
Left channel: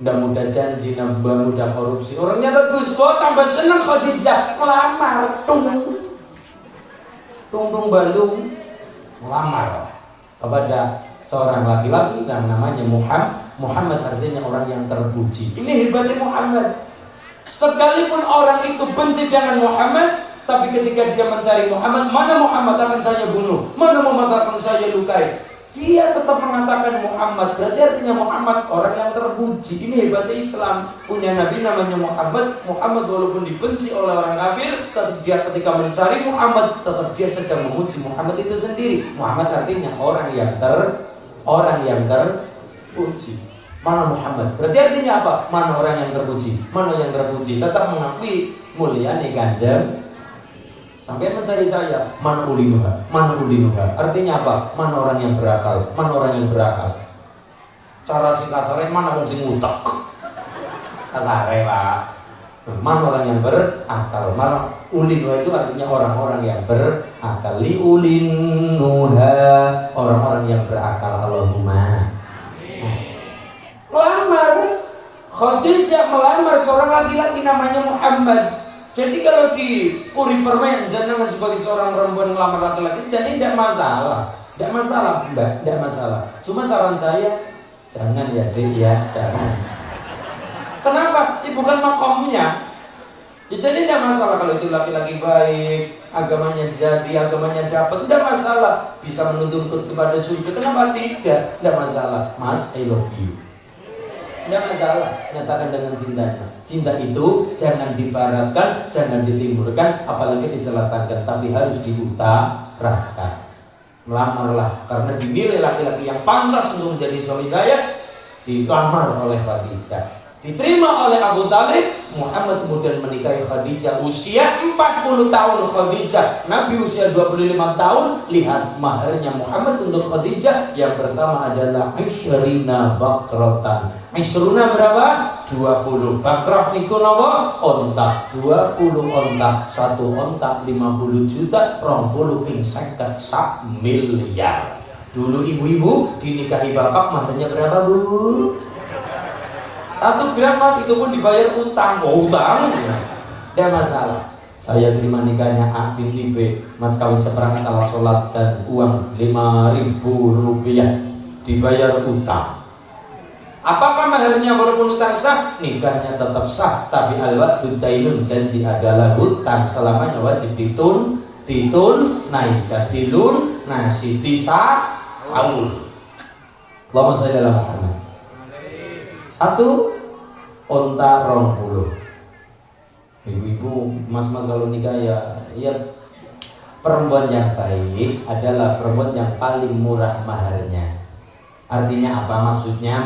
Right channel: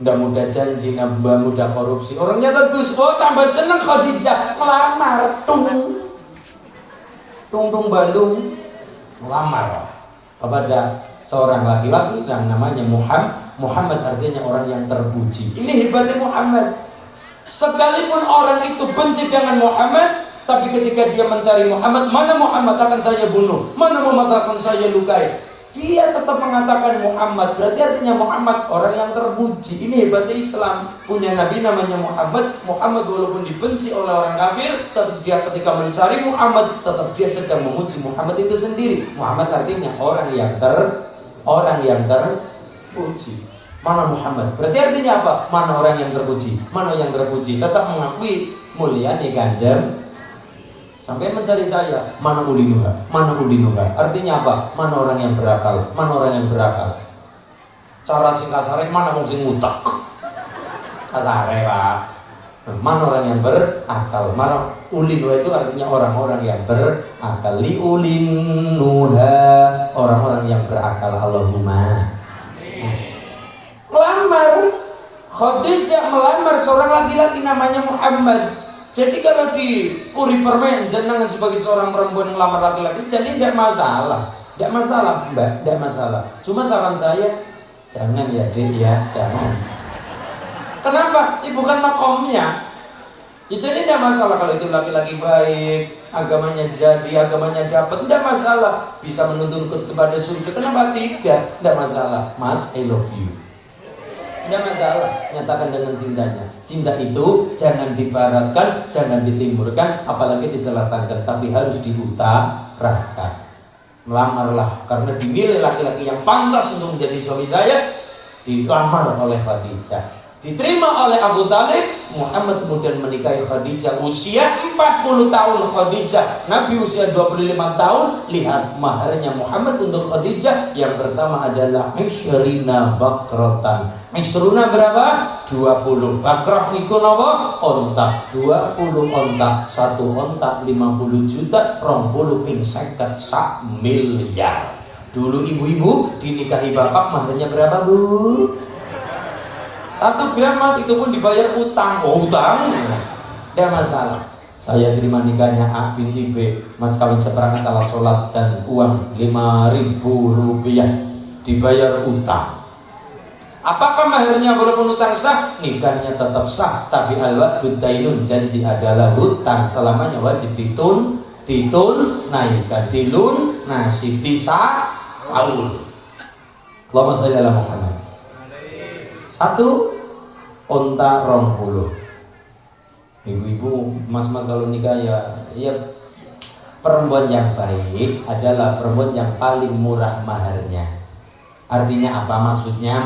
Nggak mudah janji, nggak mudah korupsi. Orangnya bagus, tambah senang Khadijah melamar, tung balung melamar kepada seorang laki-laki yang namanya Muhammad artinya orang yang terpuji. Ini hebatnya Muhammad. Sekalipun orang itu benci dengan Muhammad, tapi ketika dia mencari Muhammad, mana Muhammad akan saya bunuh, mana Muhammad akan saya lukai, dia tetap mengatakan Muhammad. Berarti artinya Muhammad orang yang terpuji. Ini hebatnya Islam. Punya Nabi namanya Muhammad. Muhammad walaupun dibenci oleh orang kafir, tetap dia ketika mencari Muhammad, tetap dia sedang memuji Muhammad itu sendiri. Muhammad artinya orang yang terpuji. Mana Muhammad? Berarti artinya apa? Mana orang yang terpuji? Mana yang terpuji? Tetap mengakui mulyanya Kanjeng. Sampai mencari saya, mana ulinuha? Artinya apa? Mana orang yang berakal? Cara sing kasare, mana wong sing ngutek? Kasare, Pak. Mana orang yang berakal? Mana ulinuha itu artinya orang-orang yang berakal. Li ulinuha, orang-orang yang berakal. Allahumma. Melamar. Khadijah melamar seorang laki-laki namanya Muhammad. Jadi kalau di Puri Permen jenengan sebagai seorang perempuan ngelamar laki-laki, jadi tidak masalah, Mbak, tidak masalah. Cuma saran saya, jangan ya, Dek, ya, jangan. Kenapa? Bukan makomnya. Ya jadi tidak masalah kalau itu laki-laki baik, agamanya jadi, agamanya dapat, tidak masalah. Bisa menuntut kepada surga, kenapa tidak? Tidak masalah. Mas, I love you. Tidak masalah, nyatakan dengan cintanya. Cinta itu jangan dibaratkan, jangan ditimurkan, apalagi dicelakakan, tapi harus diutarakan. Melamarlah, karena dinilai laki-laki yang pantas untuk menjadi suami saya, dilamar oleh Khadijah. Diterima oleh Abu Talib. Muhammad kemudian menikahi Khadijah usia 40 tahun. Khadijah, Nabi usia 25 tahun. Lihat maharnya Muhammad untuk Khadijah. Yang pertama adalah Ishrina Bakratan. Ishruna berapa? 20. Bakrah niku napa? Onta. 20 onta. 1 onta 50 juta. 20 ping 50 sak miliar. Dulu ibu-ibu dinikahi bapak maharnya berapa, Bu? 1 gram mas, itu pun dibayar utang. Oh, utang? Tidak masalah. Saya terima nikahnya A binti B, mas kawin seperangkat alat sholat dan uang 5.000 rupiah, dibayar utang. Apakah maharnya walaupun utang sah? Nikahnya tetap sah, tapi al-wa'du dainun, janji adalah hutang, selamanya wajib naikah dilun nasi disa saul. Allahumma sholli ala Muhammad. 1 onta 20. Ibu-ibu, mas-mas kalau nikah ya perempuan yang baik adalah perempuan yang paling murah maharnya. Artinya apa? Maksudnya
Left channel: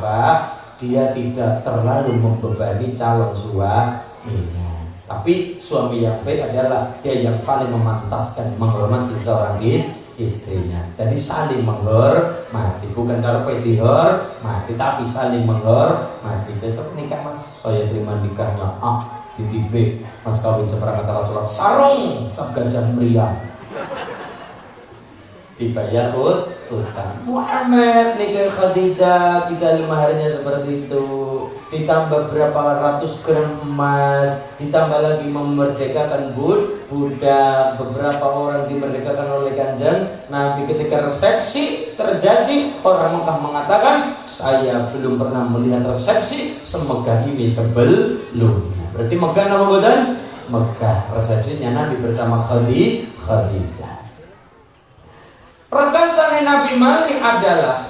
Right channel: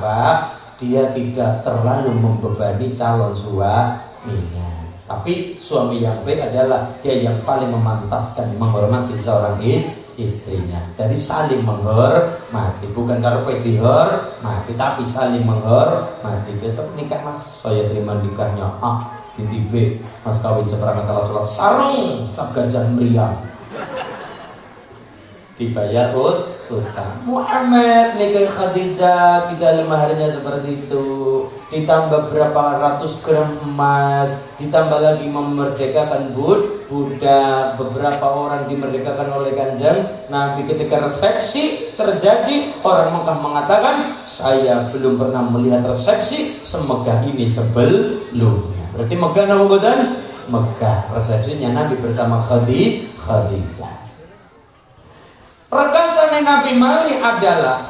apa? Dia tidak terlalu membebani calon suaminya. Tapi suami yang baik adalah dia yang paling memantaskan, menghormati seorang istrinya. Jadi saling menghormati, bukan kalau dihormati, tapi saling menghormati. Besok nikah mas, saya terima nikahnya A binti B, mas kawin seperangkat alat sholat sarung cap gajah meriam, dibayar utang. Muhammad nikah Khadijah 35 harinya seperti itu, ditambah berapa ratus gram emas, ditambah lagi memerdekakan budak, beberapa orang dimerdekakan oleh Kanjeng Nabi. Ketika resepsi terjadi, orang Mekah mengatakan, saya belum pernah melihat resepsi semegah ini sebelumnya. Berarti megah apa bukan? Megah resepsinya Nabi bersama Khadijah. Rekasannya Nabi Malik adalah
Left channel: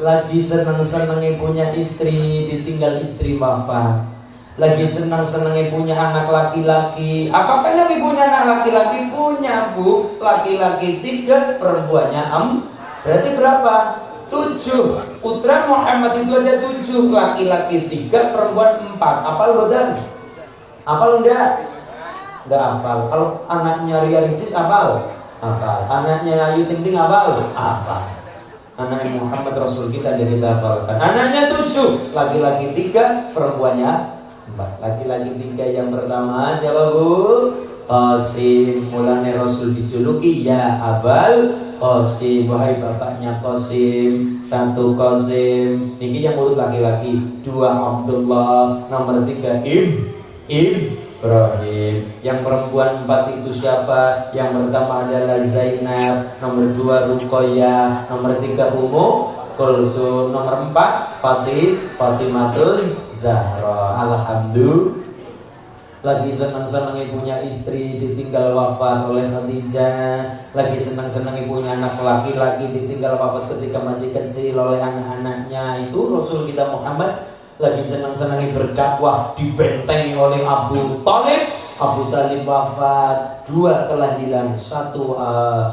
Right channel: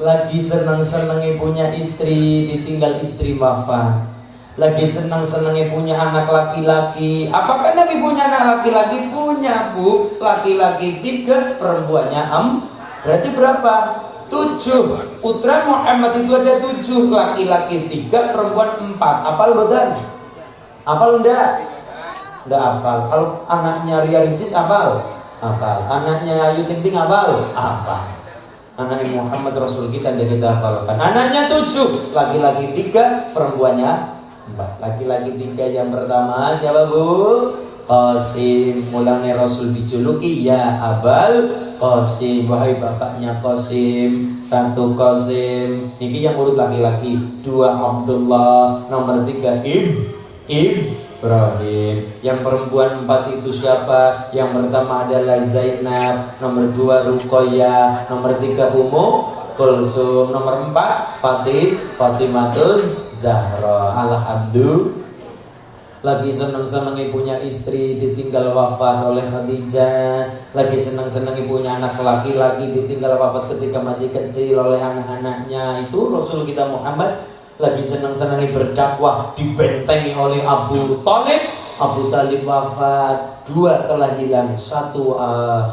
lagi senang-senangnya punya istri, ditinggal istri wafat. Lagi senang-senangnya punya anak laki-laki. Apakah Nabi punya anak laki-laki? Punya, Bu. Laki-laki 3, perempuannya 4. Berarti berapa? 7. Putra Muhammad itu ada 7, laki-laki 3, perempuan 4. Apal bukan? Apal enggak? Enggak apal. Kalau anaknya Ria Ricis apal? Apal. Anaknya Ayu Ting Ting apal? Apal. Anaknya Muhammad Rasul kita dari kita hafalkan. Anaknya 7, laki-laki 3, perempuannya 4. Laki-laki 3 yang pertama siapa, Bu? Qasim. Mulanya Rasul dijuluki ya Abal Qasim, wahai bapaknya Qasim. 1 Qasim, ini yang urut laki-laki. 2 Abdullah. Nomor 3 Ibrahim. Yang perempuan 4 itu siapa? Yang pertama adalah Zainab, nomor 2 Ruqayyah, nomor 3 Ummu Kulsum, nomor 4 Fatimatul Zahra. Alhamdulillah. Lagi senang-senangnya punya istri, ditinggal wafat oleh Khadijah. Lagi senang-senangnya punya anak laki-laki, ditinggal wafat ketika masih kecil oleh anak-anaknya. Itu Rasul kita Muhammad. Lagi senang-senangnya berdakwah, dibentengi oleh Abu Talib. Abu Talib wafat, 2 telah hilang, 1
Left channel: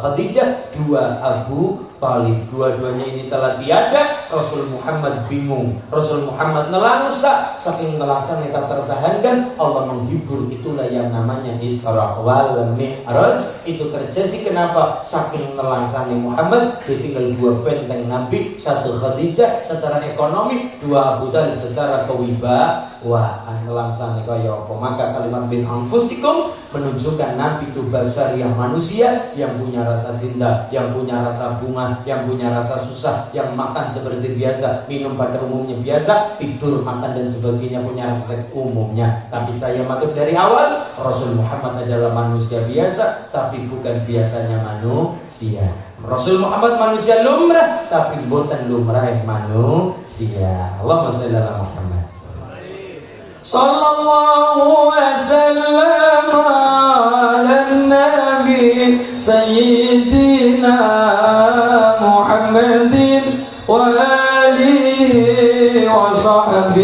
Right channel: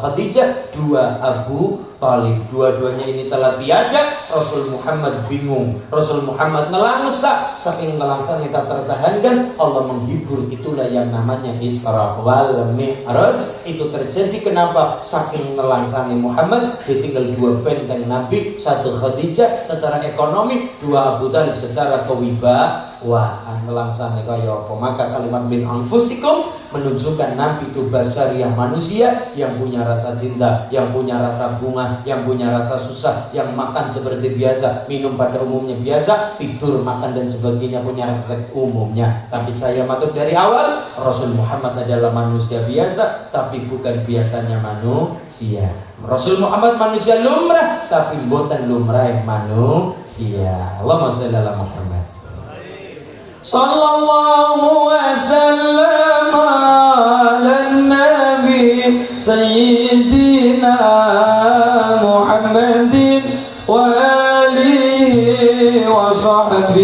Khadijah, 2 Abu Talib. Dua-duanya ini telah tiada. Rasul Muhammad bingung, Rasul Muhammad nelangsa. Saking nelangsanya tak tertahankan, Allah menghibur. Itulah yang namanya Isra wal Mi'raj. Itu terjadi kenapa? Saking nelangsanya Muhammad, ditinggal 2 benteng Nabi, 1 Khadijah secara ekonomi, 2 Abu Talib secara kewibawaan. Nelangsanya kaya apa? Maka kalimat bin anfusikum menunjukkan Nabi itu basyariah, manusia yang punya rasa cinta, yang punya rasa bunga, yang punya rasa susah, yang makan seperti biasa, minum pada umumnya biasa, tidur, makan dan sebagainya punya rasa umumnya. Tapi saya maksud dari awal, Rasul Muhammad adalah manusia biasa, tapi bukan biasanya manusia. Rasul Muhammad manusia lumrah, tapi bukan lumrah manusia. Allahumma shalli ala Muhammad. Sallallahu wasallam ala nabi sayyidina Muhammadin wa alihi wa sahbihi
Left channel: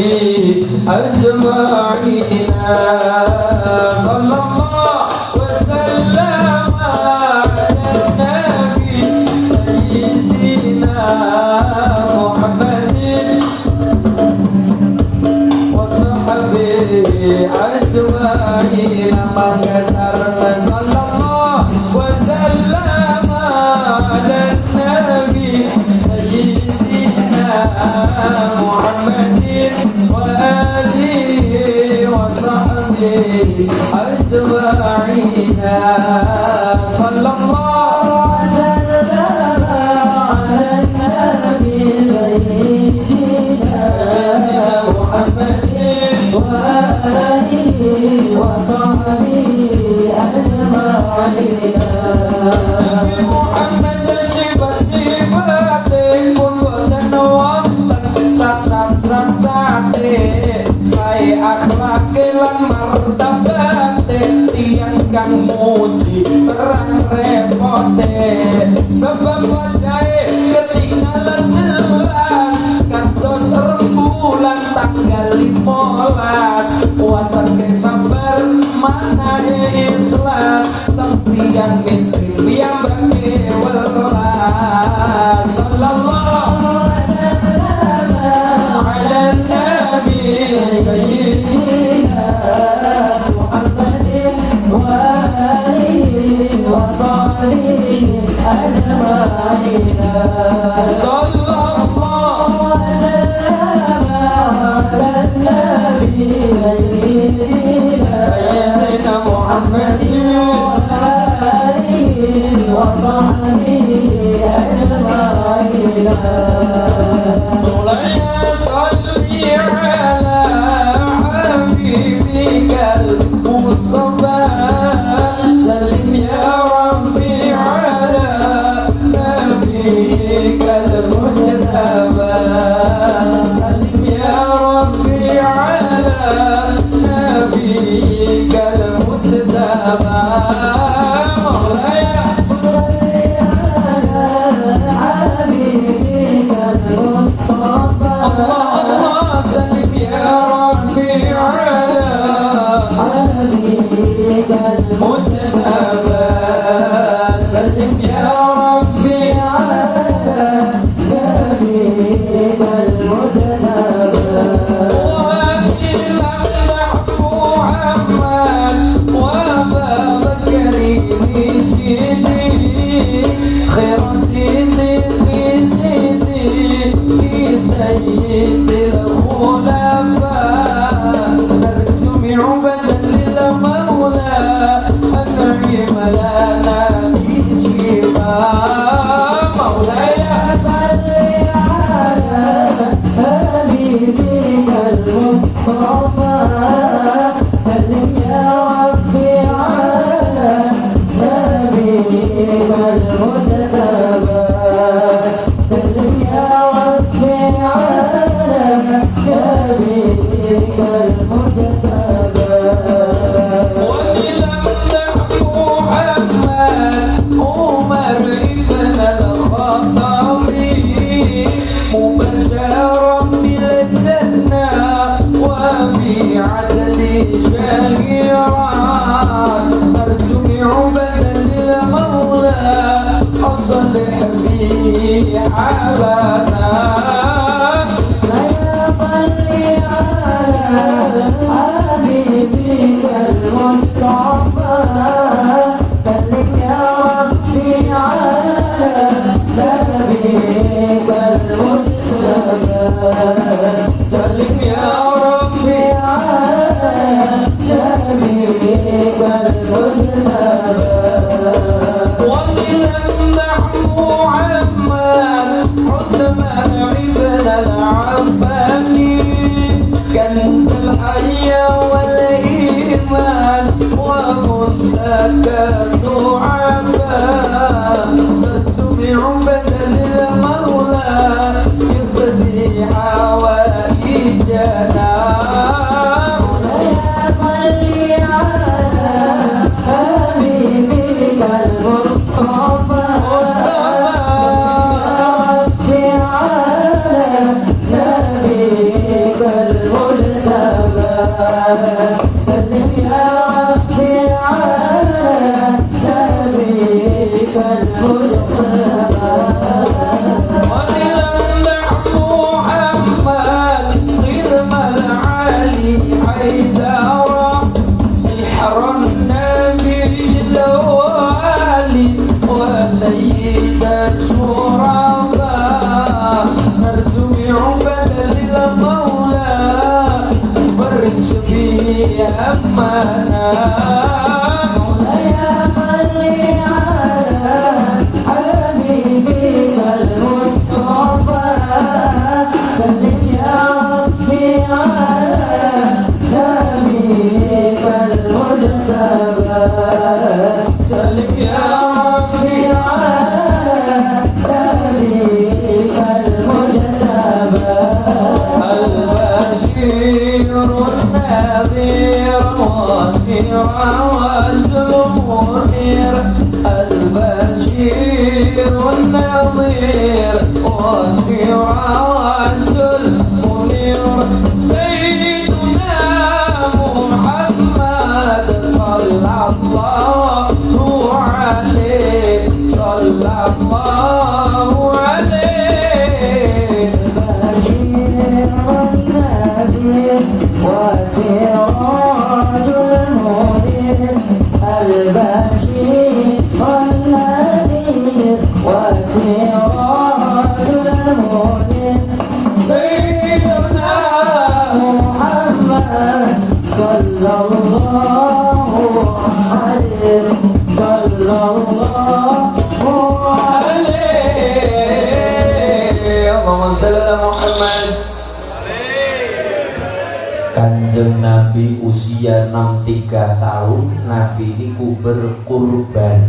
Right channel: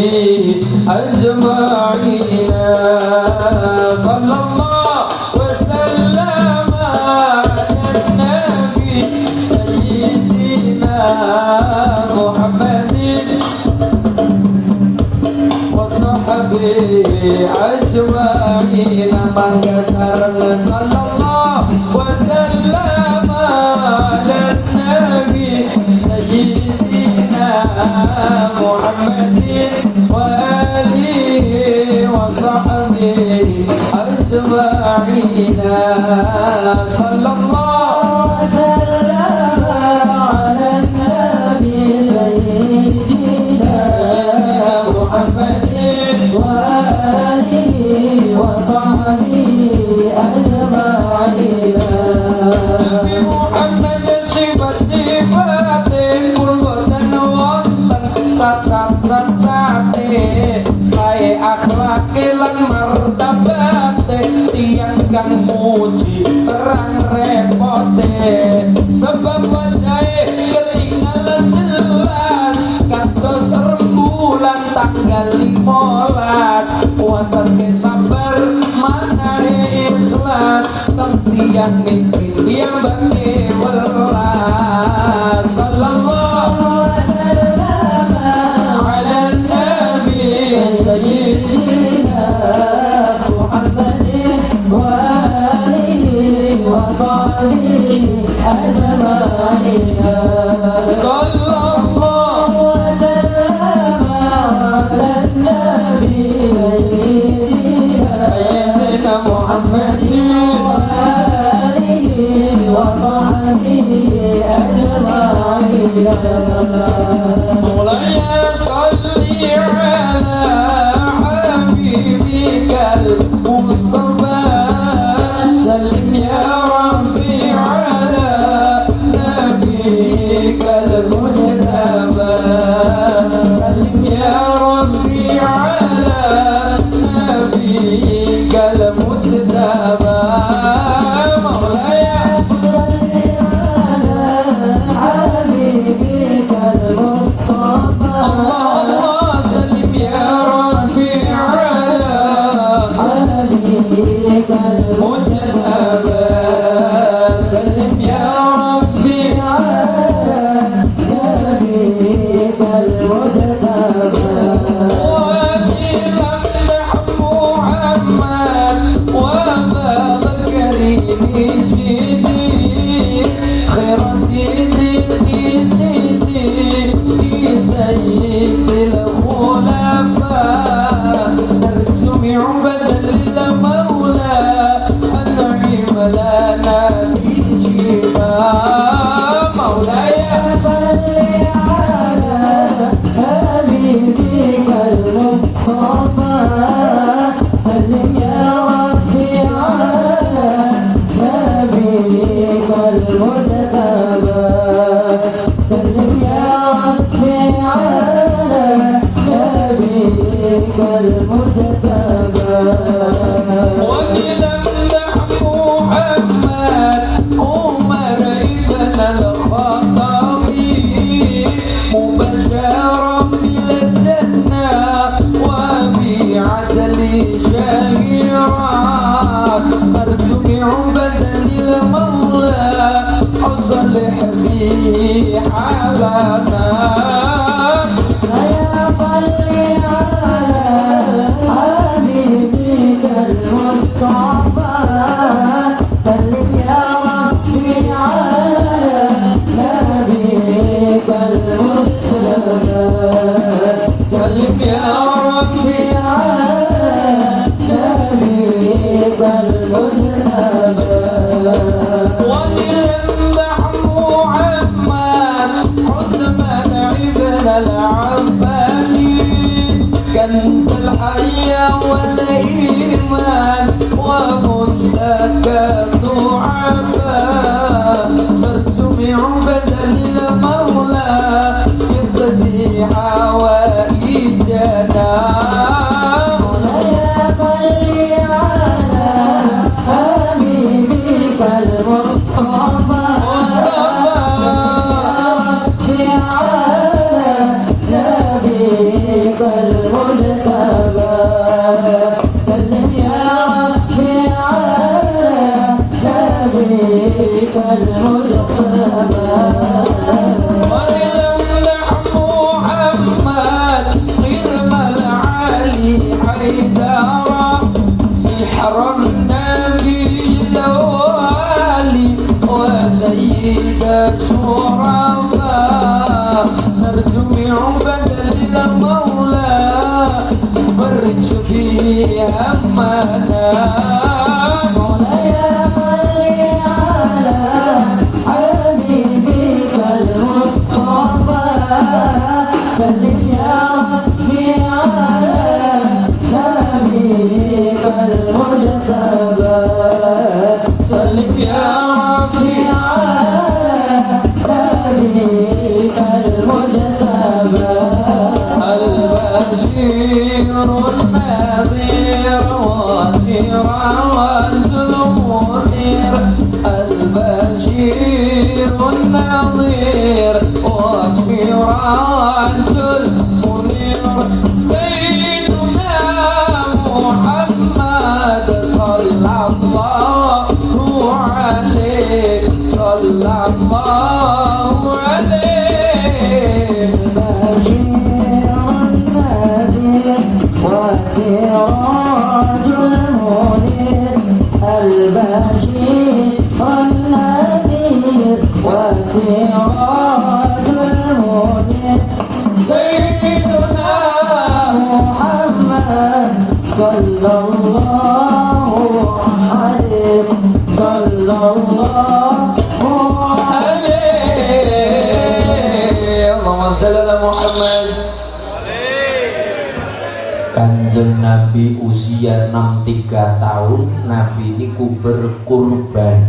Kanjeng Nabi usia 63 tahun, Nabi niku berkurban.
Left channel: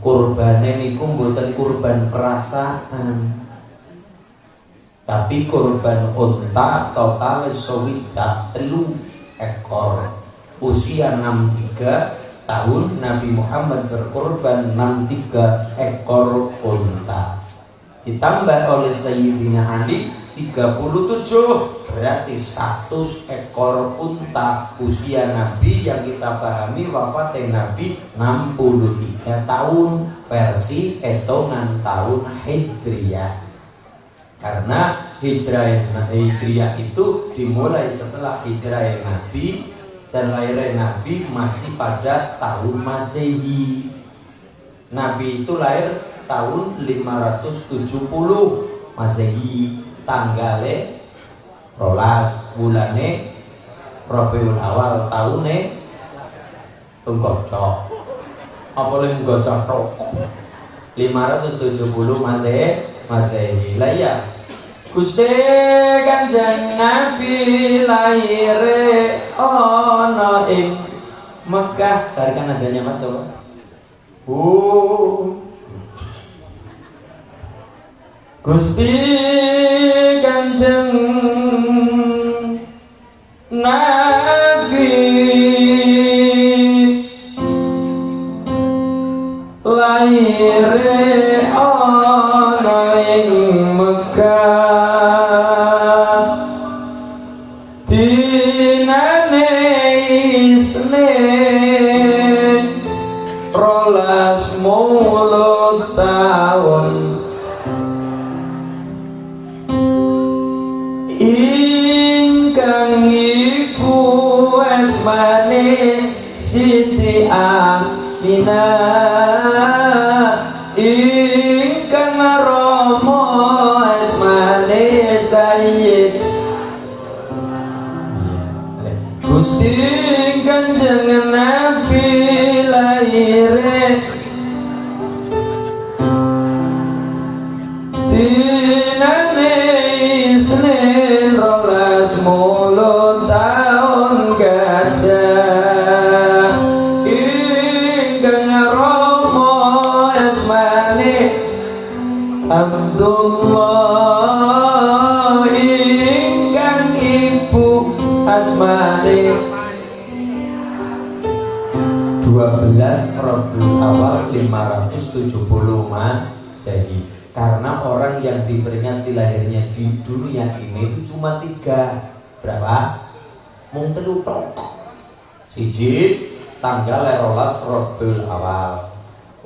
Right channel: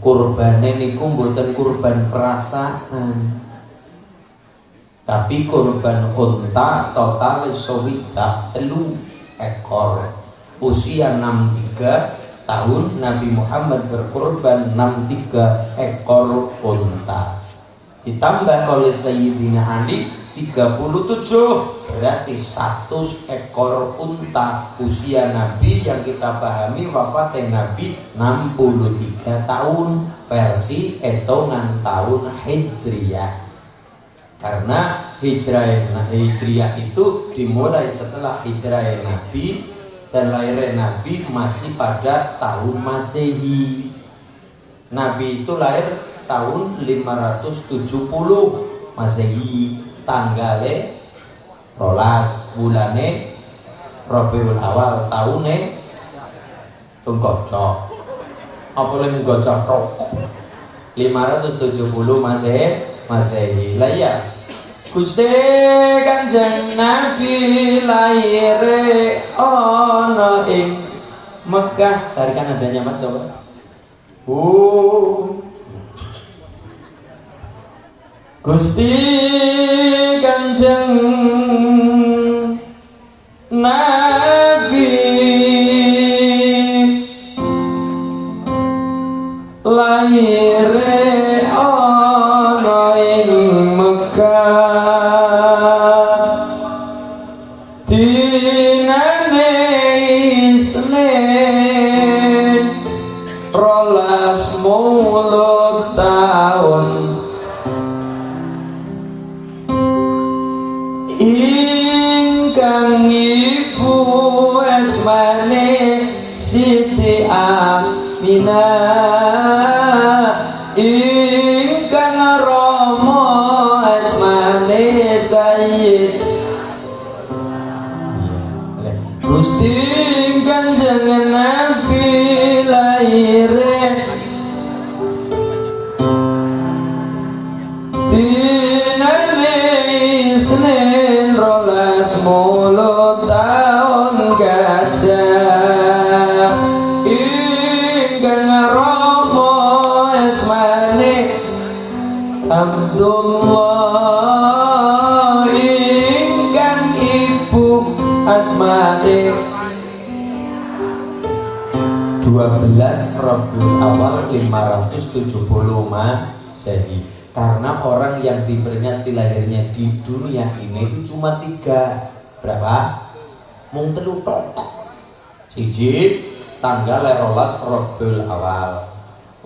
Kurbane niku mboten kurban perasaan, tapi kurban unta total swidak 3 ekor. Usia 63 tahun Nabi Muhammad berkurban 63 ekor unta. Ditambah oleh Sayyidina Ali 37, berarti 100 ekor unta. Usia Nabi yang kita pahami wafatnya Nabi 63 tahun versi hitungan tahun Hijriyah. Karena Hijriyah itu dimulai setelah hijrah Nabi, dan lahir Nabi masih pada tahun Masehi. Nabi itu lahir tahun 570 Masehi, tanggalnya rolas, bulane Rabiul Awal, tahunnya tunggocok apa yang gocok rokok 570 Masehi. Lah ya Gusti Kanjeng Nabi lahir ana ing Mekah. Carikan adanya Mas coba. Gusti Kanjeng Nabi lahir ana ing Mekah, dinane Isnin 12 tahun. Ingkang ibu asmane Siti Aminah, ingkang rama asmane Sayyid Gusti Kanjeng Nabi lahir dinane Isnin 12 tahun gajah. Ingkang rama asmane Abdullah, ingkang ibu asmane 12 Rabiul Awal 570 Masehi. Karena orang yang diperingati lahirnya di dunia ini itu cuma 3. Berapa? Mung 3 tok. Siji tanggal 12 Rabiul Awal.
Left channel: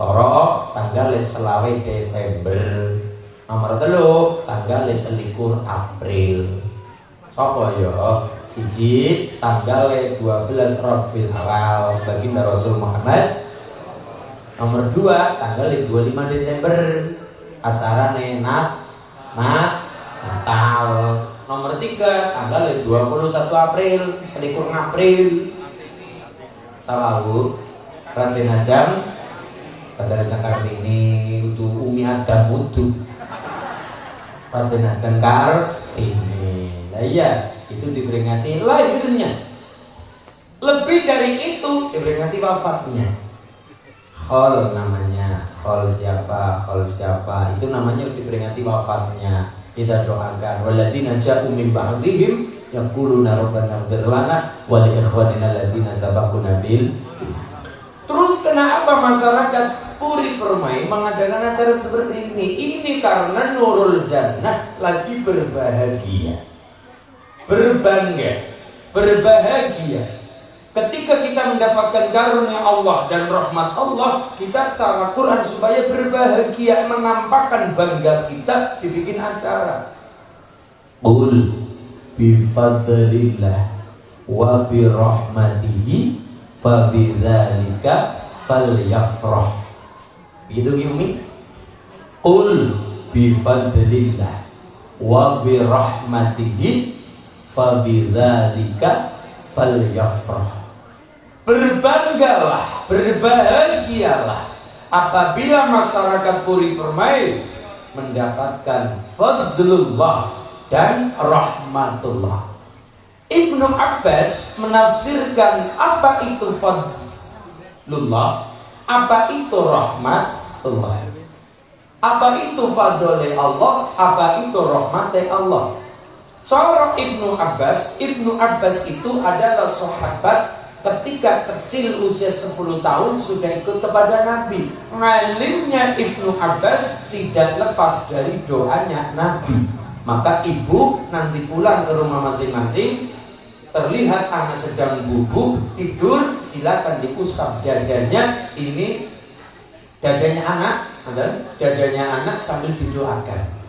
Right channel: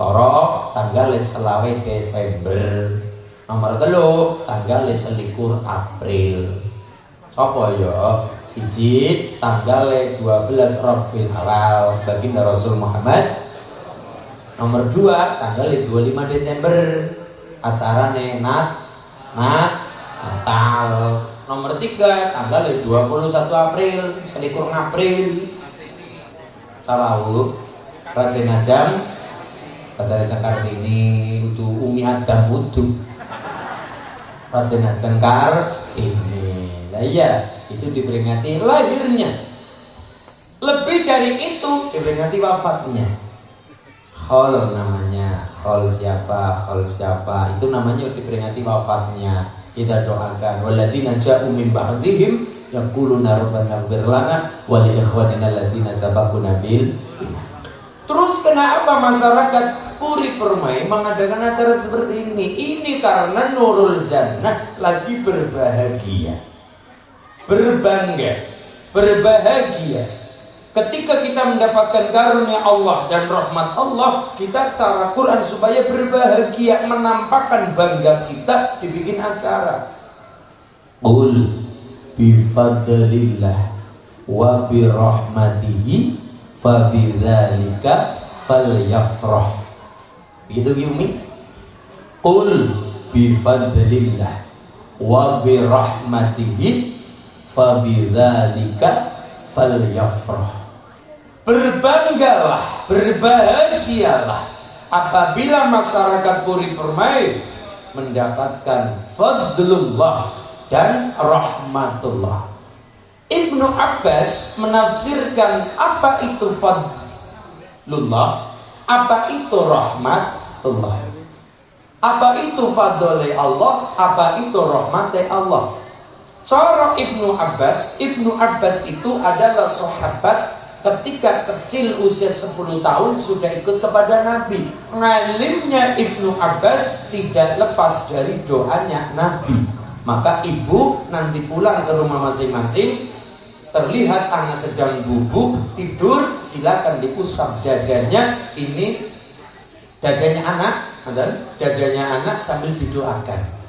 loro tanggal 20 Desember. Nomor 3 tanggal 21 April. Sapa ya? Siji tanggal 12 Rabiul Awal baginda Rasul Muhammad. Nomor 2 tanggal 25 Desember acarane Natal. Nomor 3 tanggal 21 April selikur April. Salahu Raden Ajam Raden Ajam Kartini itu Umi Adam Wudu Raden Ajam Kartini. Lah iya, itu diperingati lahirnya. Lebih dari itu diperingati wafatnya. Khol namanya, khol siapa, itu namanya diperingati wafatnya. Kita doakan waladina ja'u min ba'dihim yaquluna rabbana ighfir lana wa li ikhwanina alladziina sabaquna bil. Terus kenapa masyarakat Puri Permai mengadakan acara seperti ini? Ini karena Nurul Jannah lagi berbahagia, berbangga, berbahagia. Ketika kita mendapatkan karunia Allah dan rahmat Allah, kita cara Quran supaya berbahagia, menampakkan bangga kita, dibikin acara. Qul bifadlillah wa birahmatihi fabidzalika falyafrah. Begitu Yumi? Qul bifadlillah wa birahmatihi fabidzalika falyafrah. Berbanggalah, berbahagialah apabila masyarakat Puri Permai mendapatkan fadlullah dan rahmatullah. Ibnu Abbas menafsirkan apa itu fadlullah, apa itu rahmatullah, apa itu fadlullah Allah, apa itu rahmatullah Allah. Cara Ibnu Abbas itu adalah sahabat ketika kecil usia 10 tahun sudah ikut kepada Nabi. Ngalimnya Ibnu Abbas tidak lepas dari doanya Nabi. Maka ibu nanti pulang ke rumah masing-masing, terlihat anak sedang bubuk tidur, silakan diusap dadanya. Ini dadanya anak sambil didoakan.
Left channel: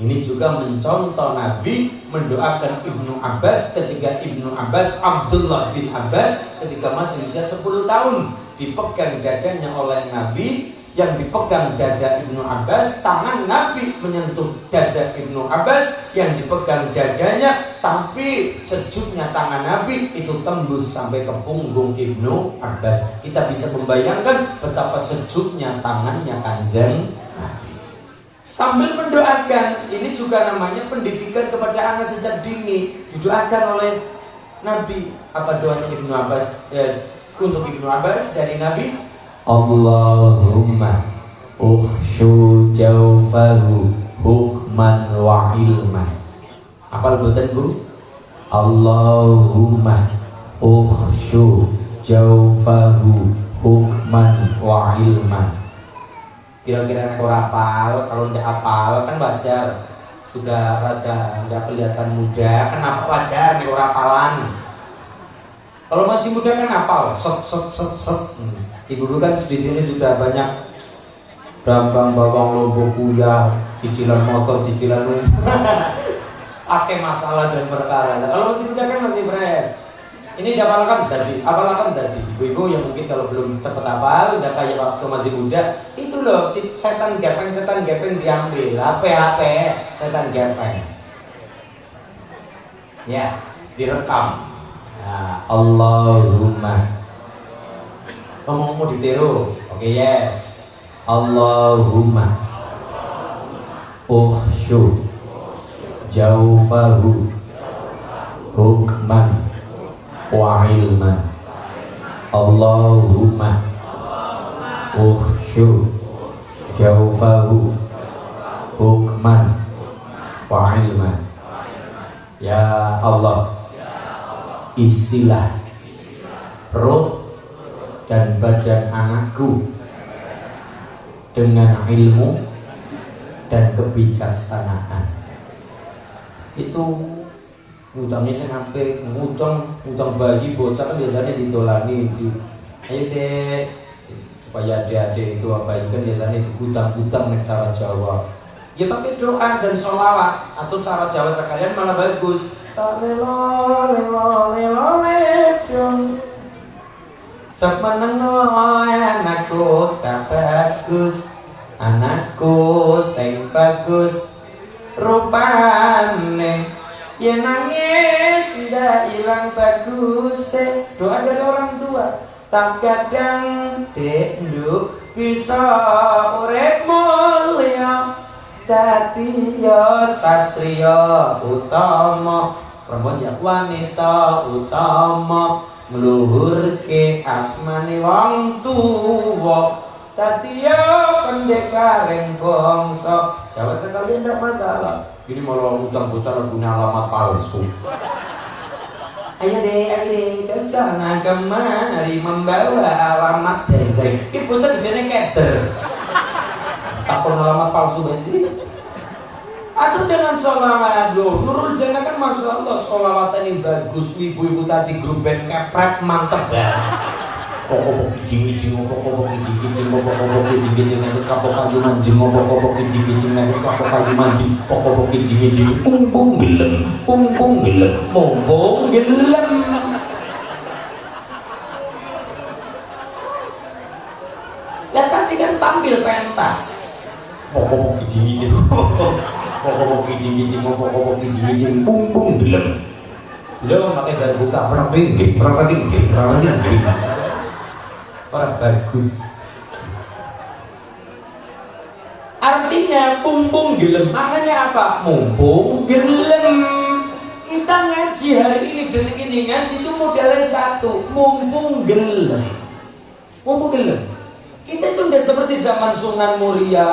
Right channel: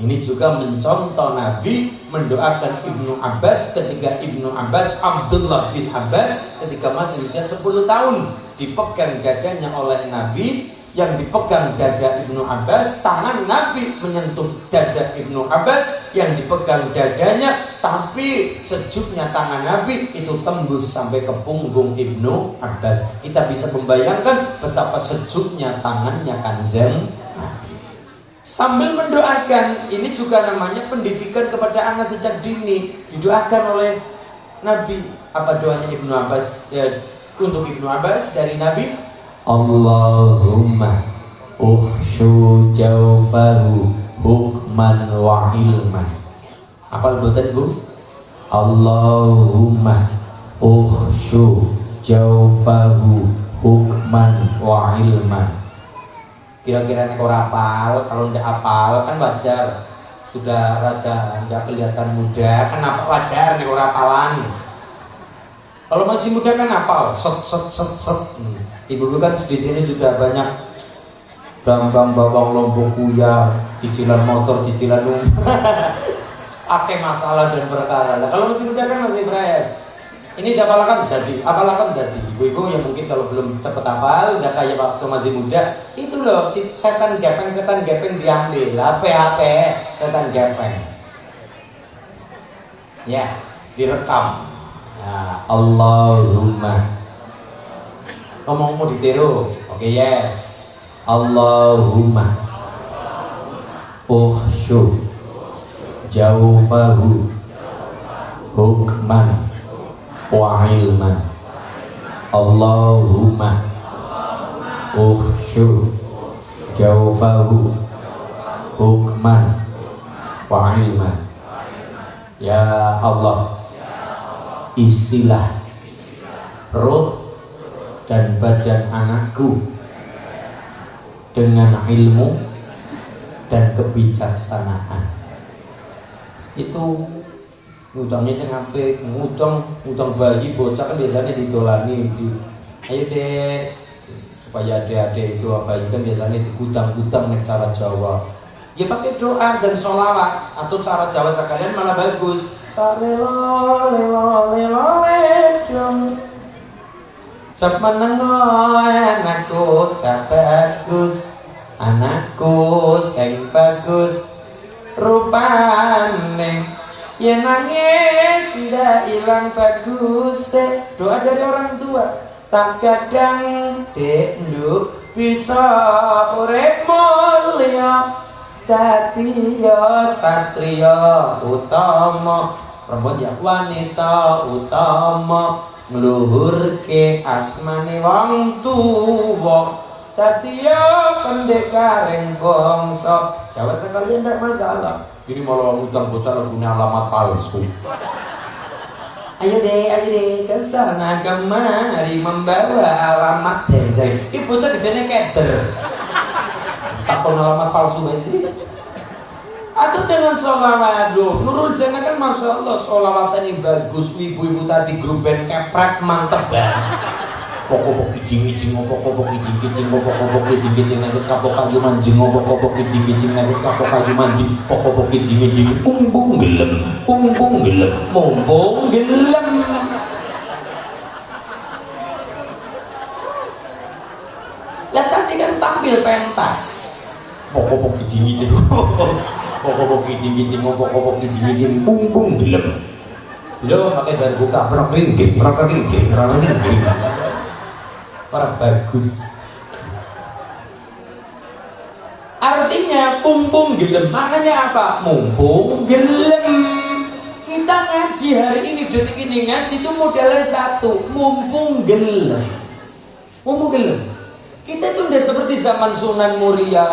Ini juga mencontoh Nabi mendoakan Ibnu Abbas ketika Ibnu Abbas, Abdullah bin Abbas ketika masih usia 10 tahun, dipegang dadanya oleh Nabi. Yang dipegang dada Ibnu Abbas, tangan Nabi menyentuh dada Ibnu Abbas, yang dipegang dadanya, tapi sejuknya tangan Nabi itu tembus sampai ke punggung Ibnu Abbas. Kita bisa membayangkan betapa sejuknya tangannya Kanjeng Nabi. Sambil mendoakan, ini juga namanya pendidikan kepada anak sejak dini. Didoakan oleh Nabi. Apa doanya Ibnu Abbas? Ya, untuk Ibnu Abbas dari Nabi, Allahumma ukhshu jawfahu hukman wa ilman. Apa lebutan Bu? Allahumma ukhshu jawfahu hukman wa ilman. Kira-kira kau hafal, kalau tidak hafal kan wajar, sudah rada tidak kelihatan muda, kan apa wajar nih orang hafalan. Kalau masih muda kan hafal, set. Ibu-ibu kan di sini sudah banyak Bambang bawang lombok kuya, cicilan motor, cicilan pakai masalah dan perkara. Kalau masih muda kan masih fresh. Ini diapalkan tadi. Ibu-ibu yang mungkin kalau belum cepet hafal, nggak kayak waktu masih muda, itu loh si setan gepeng diambil, HP setan gepeng. Ya, direkam. Nah, Allahumma. Kamu mau ditiru? Oke, yes. Allahumma ukhshu jawfahu hukman wa ilman. Allahumma ukhshu jawfahu hukman wa ilman. Ya Allah, isilah perut dan badan anakku dengan ilmu dan kebijaksanaan. Itu ngutangnya saya ngutang bayi bocah kan biasanya ditolani. Ayo deh, supaya adik-adik itu apa itu kan biasanya digudang-gudang nih cara Jawa. Ya pakai doa dan sholawat atau cara Jawa sekalian malah bagus. Cap menengok anakku cap bagus, anakku sing bagus rupane, ya nangis ndak ilang bagus. Doa dari orang tua. Tak kadang dek nduk bisa urip mulya, dadi ya satria utama, perempuan ya wanita utama, ngluhurke asmane wong tuwa, dadi ya pendekaring bangsa. Jawa sekalian ndak masalah. Ini malah utang bocah punya alamat palsu. Ayo deh, ke sana kemari membawa alamat jeng. Ini bocah gedenya keder. Tak pernah alamat palsu aja. Atau dengan sholawat, Nurul Jannah kan masya Allah sholawatan ini bagus. Ibu-ibu tadi grup band keprek mantep banget. Pokok kijing-kijing, pokok kijing-kijing, pokok kijing-kijing, terus kapok kayu manjing, pokok kijing-kijing, terus kapok kayu manjing, pokok kijing-kijing, pung gelem, mumpung gelem. Lihat tadi kan tampil pentas, pokok kijing-kijing, pokok kijing-kijing, pung gelem. Lo pakai dari buka, berapa ringgit. Orang bagus. Artinya mumpung gelem, maknanya apa? Mumpung gelem. Kita ngaji hari ini, detik ini ngaji itu modalnya satu, mumpung gelem. Mumpung gelem. Kita itu udah seperti zaman Sunan Muria,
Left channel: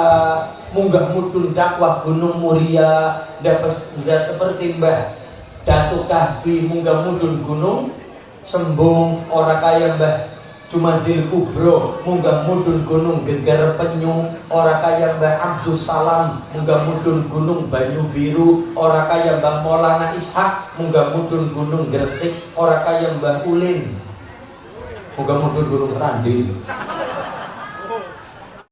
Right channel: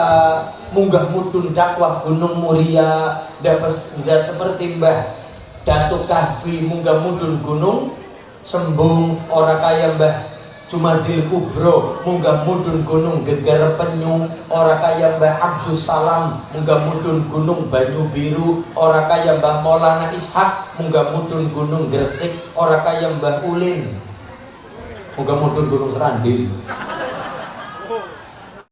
munggah mudun dakwah Gunung Muria, udah seperti Mbah Datuk Kahfi munggah mudun gunung Sembung, orang kaya Mbah Jumadil Kubro munggah mudun gunung Geger Penyu, orang kaya Mbah Abdus Salam munggah mudun gunung Banyu Biru, orang kaya Mbah Maulana Ishak munggah mudun gunung Gresik, orang kaya Mbah Ulin munggah mudun gunung Serandil.